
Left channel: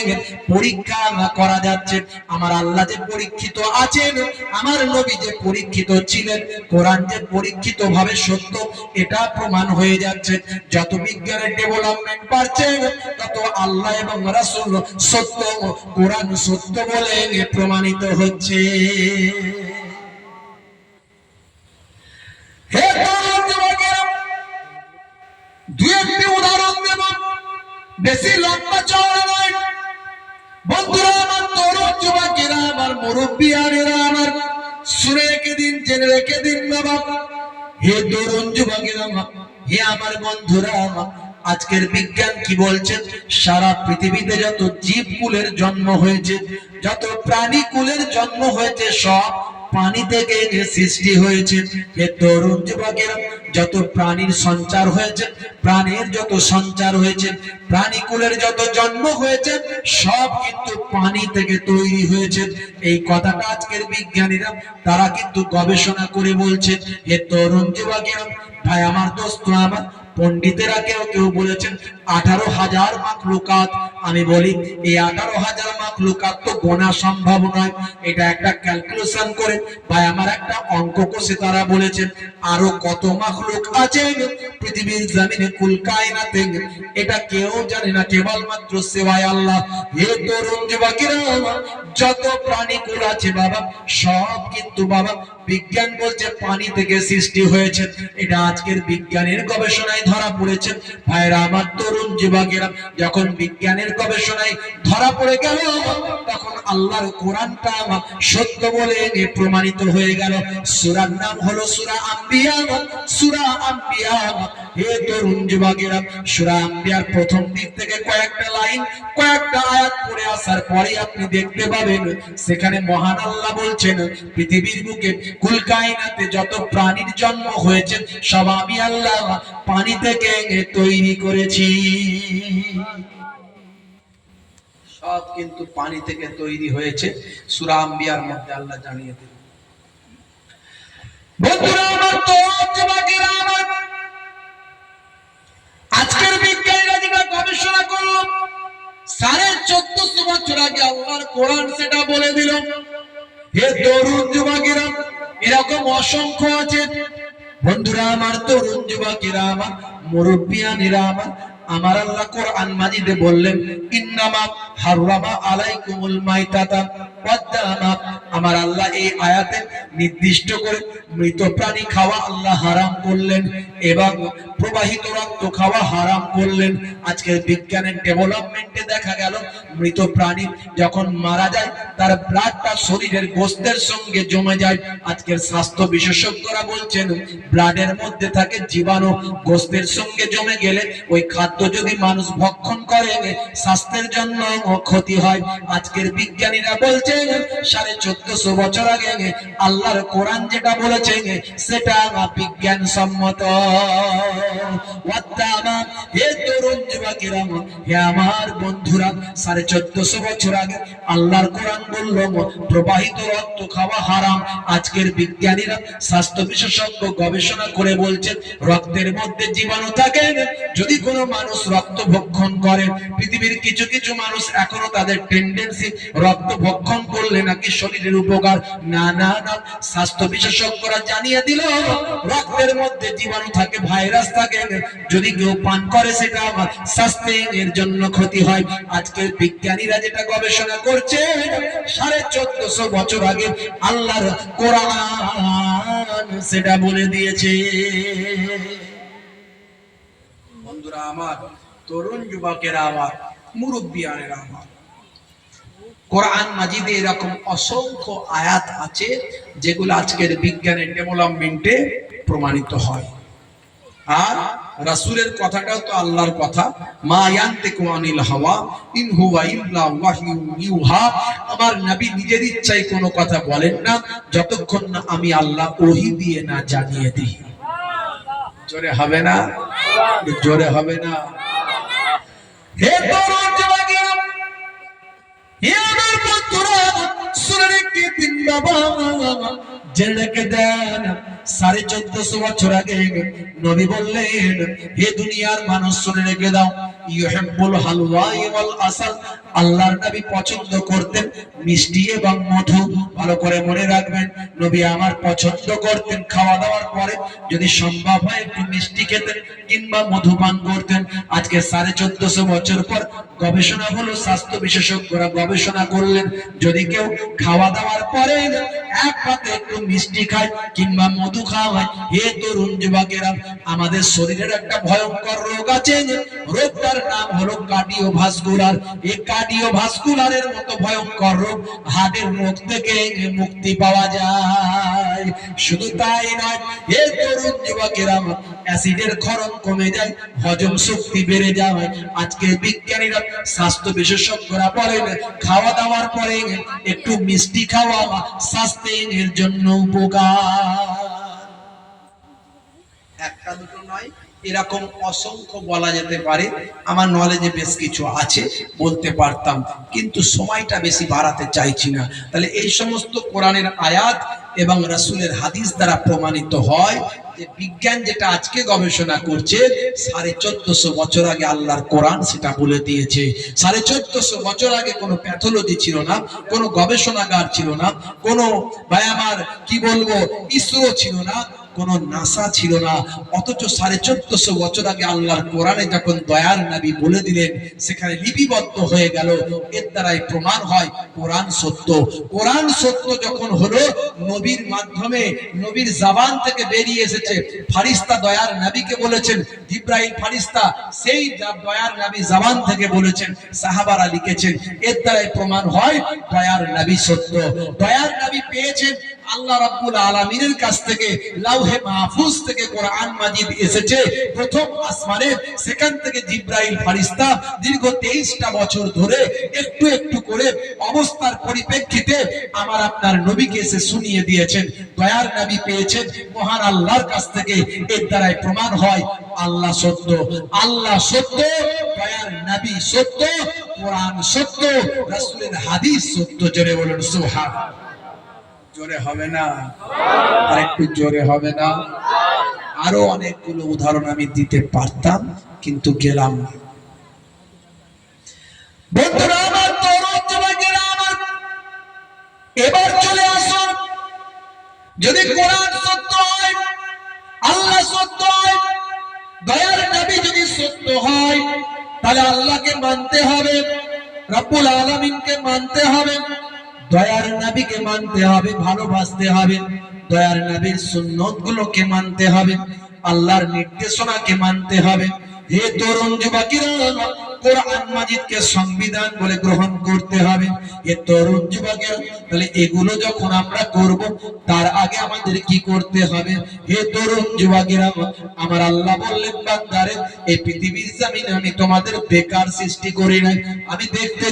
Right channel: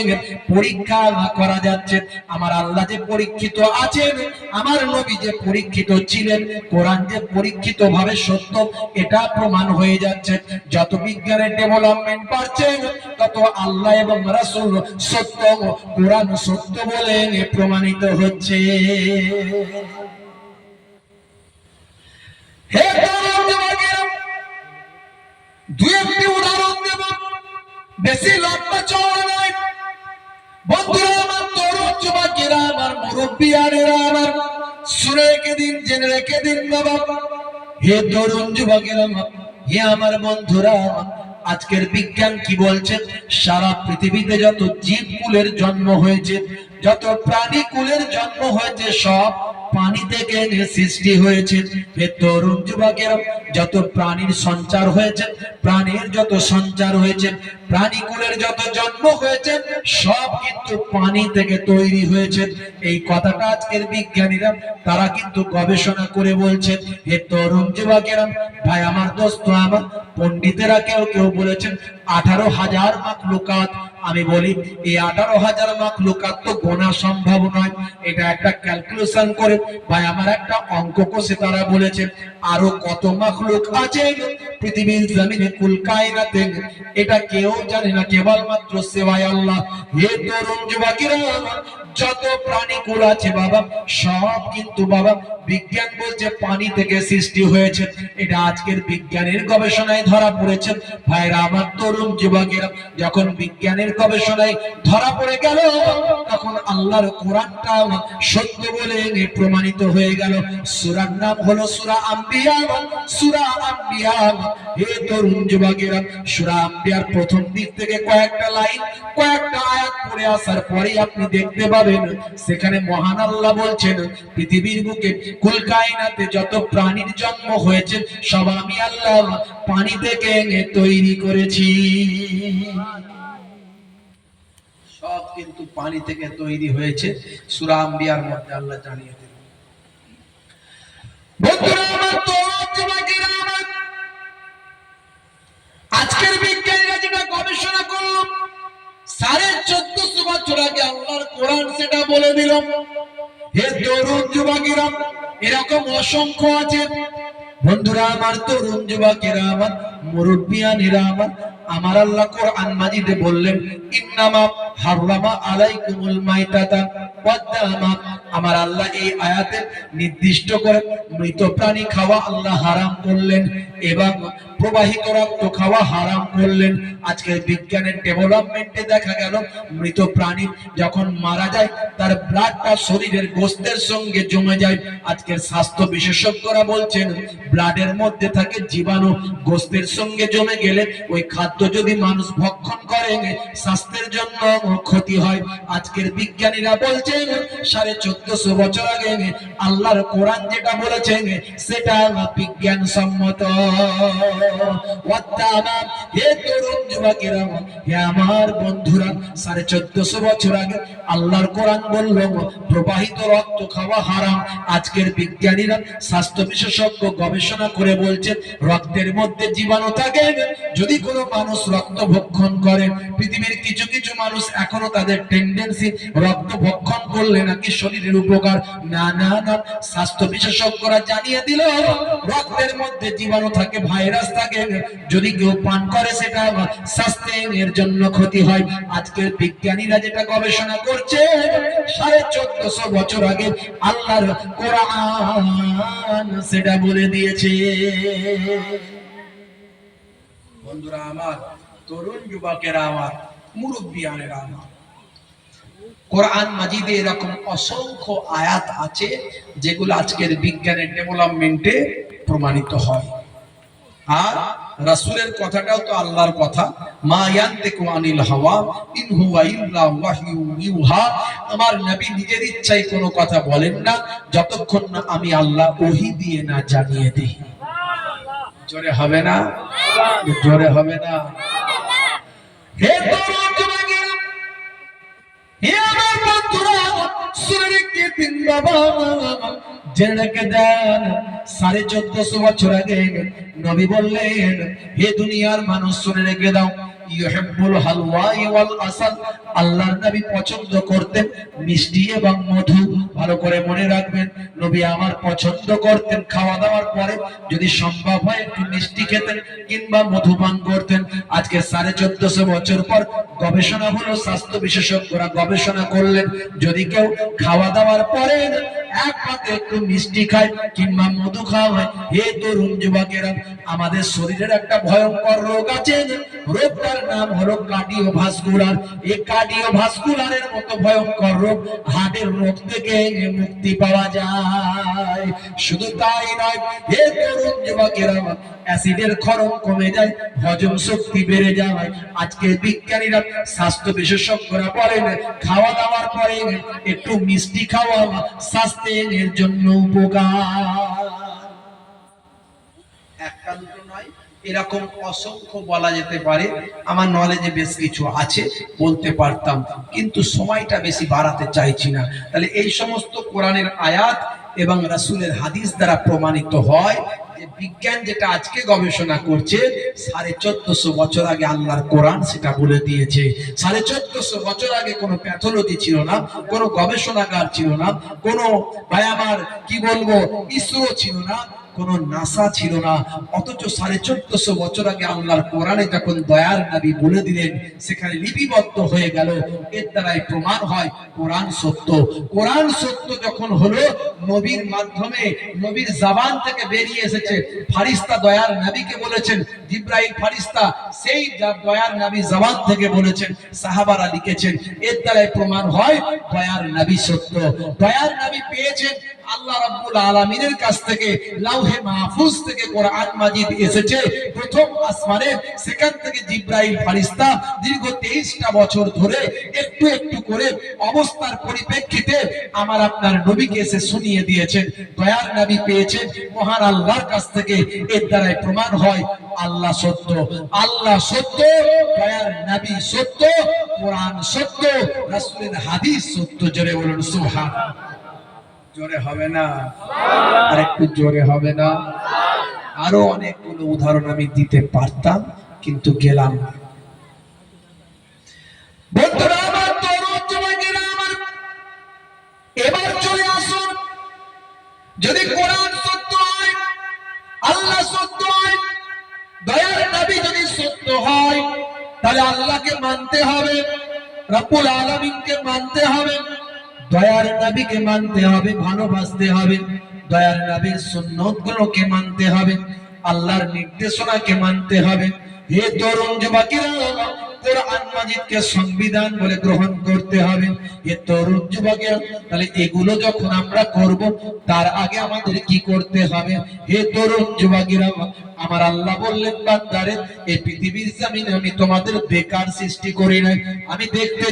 পরীক্ষা করা যাচ্ছে। আমার আল্লাহ যে পরীক্ষিত আছেন, আমার নবী যে পরীক্ষিত ছিলেন, কোরআন যে পরীক্ষিত ভাবে সত্য, এটা প্রমাণ হয়ে যাচ্ছে। যত বিজ্ঞানের ডেভেলপমেন্ট বাড়ছে, তত আল্লাহ এবং রাসূল সত্য, কোরআন সত্য বলে প্রমাণিত হচ্ছে। হে তরুণ যুবকেরা, দুই একটি উদাহরণ দেব, বেশি লম্বা চওড়া নয়। বন্ধুরা আমার, তরুণ যুবকেরা আমার, মুরব্বিয়ানেরা আমার, শুনে রেখে দিন, জেনে রেখে দিন বাবা। হে তরুণ যুবকেরা, হে আমার বন্ধুরা, আজকের বিজ্ঞান কি বলছেন? সারা পৃথিবীতে যত জীবকুলের জন্ম হয়েছে, যত প্রাণী কুলের জন্ম হয়েছে, সব পানি থেকে সৃষ্টি হয়েছে। হে তরুণ যুবকেরা, যত প্রাণীর সঞ্চার হয়েছে, প্রাণীর যত সঞ্চার হয়েছে, প্রাণী কুলের যত জন্ম হয়েছে, সব কিন্তু পানি থেকে তৈরি হয়েছে। এই কথাটা আজকের বিজ্ঞানীরা তারা কিন্তু গবেষণা করে বলছেন। হে তরুণ যুবকেরা, ভাই আমার, দোস্ত আমার, পণ্ডিতেরা কেউ কেউ বলেছেন 18,000 মাখলুকাত। আমি বলি এই 18,000 মাখলুকাত তো গোনা সম্ভব নয়। এটা একটা ক্যালকুলেশন করে ভাই আমার একটা অঙ্ক কষে তারা বলেছেন আরো কত মাখলুক আছে পৃথিবীর জমিনে, কুল কায়নাতে, এটা কেউ জানে না, কেবলমাত্র সেবায় আল্লাহ। হে তরুণ যুবকেরা, যত প্রাণী কুল আছে বাবা, সব কিন্তু বাবা বিজ্ঞান বলছে পানি থেকে সৃষ্টি হয়েছে। এটা আজকের বিজ্ঞানের গবেষণায় ধরা পড়েছে। ভাইরা আমার, তরুণ যুবকেরা, যখন বিজ্ঞানের গবেষণায় ধরা পড়ে গেল, তখন আল্লাহর কোরআনটা সত্য বলে প্রমাণিত হয়ে গেল। সূরার নাম হলো সূরা আম্বিয়া। সূরা আম্বিয়া, হে তরুণ যুবকেরা, সূরা আম্বিয়ার প্রথম দিক থেকে কয়েকটা লাইন, কয়েকটা আয়াত পড়ে আসার পরে আপনি দেখতে পাবেন সেখানে মহান আল্লাহ বলছেন, পৃথিবীর বুকে কুল কায়নাতে যত প্রাণীর জন্ম হয়েছে, সব আমি আল্লাহ পানি থেকে তৈরি করেছি। সব কিন্তু পানি থেকে তৈরি হয়েছে। সূরা আম্বিয়ার মধ্যে আল্লাহ জানিয়ে দিলেন। বন্ধুরা আমার, তরুণ যুবকেরা আমার, আজকের বিজ্ঞানীরা যেটা গবেষণা করলো, 1450 বছর আগে আল্লাহর কোরআন সেটা বলে দিল। হে তরুণ যুবকেরা, এরকম অসংখ্য আছে বন্ধুরা আমার, তরুণ যুবকেরা আমার, মুরব্বিয়ানেরা আমার, আমার আল্লাহ কোরআন মাজিদে বললেন ইন্নামা হাররামা আলাইকুমুল মাইতাতা ওয়াদ-দামা। আমার আল্লাহ এই আয়াতে নির্দিষ্ট করে মৃত প্রাণী খাওয়া আল্লাহ হারাম করলেন এবং প্রবাহিত রক্ত খাওয়া হারাম করলেন। আজকের বিজ্ঞানের ডেভেলপমেন্টে দেখা গেল মৃত প্রাণী যখন মারা যায় তার ব্লাডটা শরীরের গোস্তের সঙ্গে জমে যায়। আজকের স্বাস্থ্য বিশেষজ্ঞরা বলছেন ব্লাডের মধ্যে থাকে জীবাণু, গোস্তের সঙ্গে জমে গেলে ওই খাদ্য যদি মানুষ ভক্ষণ করে স্বাস্থ্যের জন্য ক্ষতি হয়। আজকের বিজ্ঞানীরা বলছেন 1450 বছর আগে আল্লাহর কোরআন যেটা বলেছেন সেটা বিজ্ঞানসম্মত। হে তরুণ যুবকেরা, হে আমার বন্ধুরা, 1450 বছর আগে আল্লাহর কোরআন বলল প্রবাহিত রক্ত খাওয়া হারাম। আজকের বিজ্ঞানীরা স্বাস্থ্য বিশেষজ্ঞ গবেষণা করে বলছে রক্তের মধ্যে জীবাণু থাকে। যদি কোনো মানুষ রক্ত ভক্ষণ করে, পৃথিবীর কিছু কিছু মানুষ এখনো তাদের টেন্ডেন্সি রক্ত ভক্ষণ করলে নাকি শরীরের উপকার। না না না, স্বাস্থ্য বিশেষজ্ঞরা জানিয়ে দিল রক্তের মধ্যে জীবাণু থাকে, ভাইরাস থাকে, যদি কেউ পান করে সেটা স্বাস্থ্যের জন্য ক্ষতি হয়। আজকের বিজ্ঞানীরা যেটা গবেষণা করছে 1450 বছর আগে আল্লাহর কোরআন সেটা বলে দিয়েছে। বন্ধুরা আমার, তরুণ যুবকেরা আমার, মুরব্বিয়ানেরা আমার, কোরআন মাজিদে এরকম অসংখ্য আয়াত আছে যেগুলো আজকের বিজ্ঞানের ডেভেলপমেন্টে প্রমাণিত হয়। আর রাসূলের কথাটাও তো আল্লাহর কথা, মা ইয়ান্তিকু আনিল হাওয়া ইন হুয়া ইল্লা ওয়াহয়ু ইউহা। আমার নবী নিজের ইচ্ছায় কোনো কথা বলেন না যতক্ষণ না আমি আল্লাহ ওহী দিয়ে না জানিয়ে দিই। জোরে হবে না? জোরে হবে না? হে তরুণ যুবকেরা, হে আমার বন্ধুরা, শুনে রেখে দিন বাবা, জেনে রেখে দেন 1450 বছর আগে নবী বললেন হে দুনিয়ার মানুষ শুনে রেখে দাও, ইউহিব্বুল হালওয়া ওয়াল আসাল। আল্লাহর নবী পছন্দ করতেন মিষ্টি এবং মধু। ভালো করে মনে রাখবেন, নবী আমার পছন্দ করতেন খাওয়া দাওয়ার পরে যদি সম্ভব হয় একটু মিষ্টি খেতেন কিংবা মধু পান করতেন। আজকে 1450 বছর পর গবেষণা হলো, স্বাস্থ্য বিশেষজ্ঞরা গবেষণা করলেন যদি কেউ খাওয়া দাওয়ার পরে এক পাতে একটু মিষ্টি খায় কিংবা মধু খাওয়া হয়, হে তরুণ যুবকেরা, আমাদের শরীরের একটা ভয়ঙ্কর রোগ আছে, রোগটার নাম হলো কার্ডিওভাস্কুলার। এই কার্ডিওভাস্কুলারের মতো ভয়ঙ্কর রোগ, হার্টের রোগ থেকে মুক্তি পাওয়া যায়। শুধু তাই নয়, হে তরুণ যুবকেরা, অ্যাসিডের ক্ষরণ কমে যায়, হজম শক্তি বেড়ে যায়। আজকে বিজ্ঞানীরা স্বাস্থ্য বিশেষজ্ঞরা বলেন খাওয়া দাওয়ার পরে একটু মিষ্টি খাওয়া স্বাস্থ্যের জন্য উপকার। একটা দুটো নয়, এরকম অসংখ্য বলা যেতে পারে। আমার নলেজে বেশ কিছু আছে, বলতে পারতাম, কিন্তু সময়টা বেশি বাড়াতে চাইছি না। তাহলে এই সমস্ত কোরআনের আয়াত এবং রাসূলের হাদিস দ্বারা প্রমাণিত হয় যে বিজ্ঞান যেটা আজকে গবেষণা করছে 1450 বছর আগে আল্লাহর কোরআন সেটা বলে দিয়েছে। 1450 বছর আগে কোনো প্যাথোলজি ছিল না, কোনো গবেষণাগার ছিল না, কোনো ভাই আমার কি বলবো ইসরো ছিল না, কোন নাসা ছিল না। অথচ 1450 বছর আগে আল্লাহর কোরআনে যখন দয়ার নবী বলে দিলেন সেখানে লিপিবদ্ধ হয়ে গেল। এর দ্বারাই প্রমাণ হয় কোরআন সত্য। কোরআন সত্য যখন হলো, নবীর মাধ্যমে নবীর জবান থেকে বেরিয়ে এসেছে, ফারিস্তা দয়ার নবীকে বলেছেন, জিবরাইল ফারিস্তা সেই দয়ার নবী জবান থেকে বলেছেন, সাহাবারা লিখেছেন। এর দ্বারাই প্রমাণ হয় দয়ার নবী সত্য। দয়ার নবী পেয়েছেন আল্লাহ রাব্বুল আলামিনের কাছ থেকে, লাউহে মাহফুজ থেকে কোরআন মাজিদ এসেছে প্রথম আসমানে। সেখান থেকে জিবরাইল ফেরেশতা দীর্ঘ 23টা বছর ধরে একটু একটু করে অবস্থার পরিপ্রেক্ষিতে আমার আপনার নবীকে এসে শুনিয়ে দিয়েছেন। দয়ার নবী পেয়েছেন মহান আল্লাহর কাছ থেকে। এর দ্বারাই প্রমাণ হয় আল্লাহ সত্য, আল্লাহ সত্য, দয়ার নবী সত্য, কোরআন সত্য, রাসূলের হাদিস সত্য। জোরে বলুন সুবহানাল্লাহ। জোরে হবে না? আর একটু জোরে হবে না? আরো অনেকগুলো উদাহরণ আমি দিতে পারতাম কিন্তু গেলাম না। বন্ধুরা আমার, তরুণ যুবকেরা আমার, এবার চলে আসুন। যদি কোরআন সত্য হয়, আল্লাহ আল্লাহকে মানতে হবে, রব্বুল আলামিনকে মানতে হবে, দয়ার নবীকে মানতে হবে, ভালোবাসতে হবে, দয়ার নবীর সুন্নত গুলোকে মানতে হবে, আল্লাহর নির্দেশনাকে মানতে হবে। হে তরুণ যুবকেরা, কোরআন মাজিদকে সংবিধান বলে গ্রহণ করতে হবে। হে তরুণ যুবকেরা, তাহলে এগুলো যখন আমরা করব, তার আগে আমাদের কি করতে হবে? হে তরুণ যুবকেরা, আমার আল্লাহ বললেন, বান্দারে, এই পৃথিবীর জমিনে আমি তোমাদের বেকার সৃষ্টি করি নাই, আমি দেখতে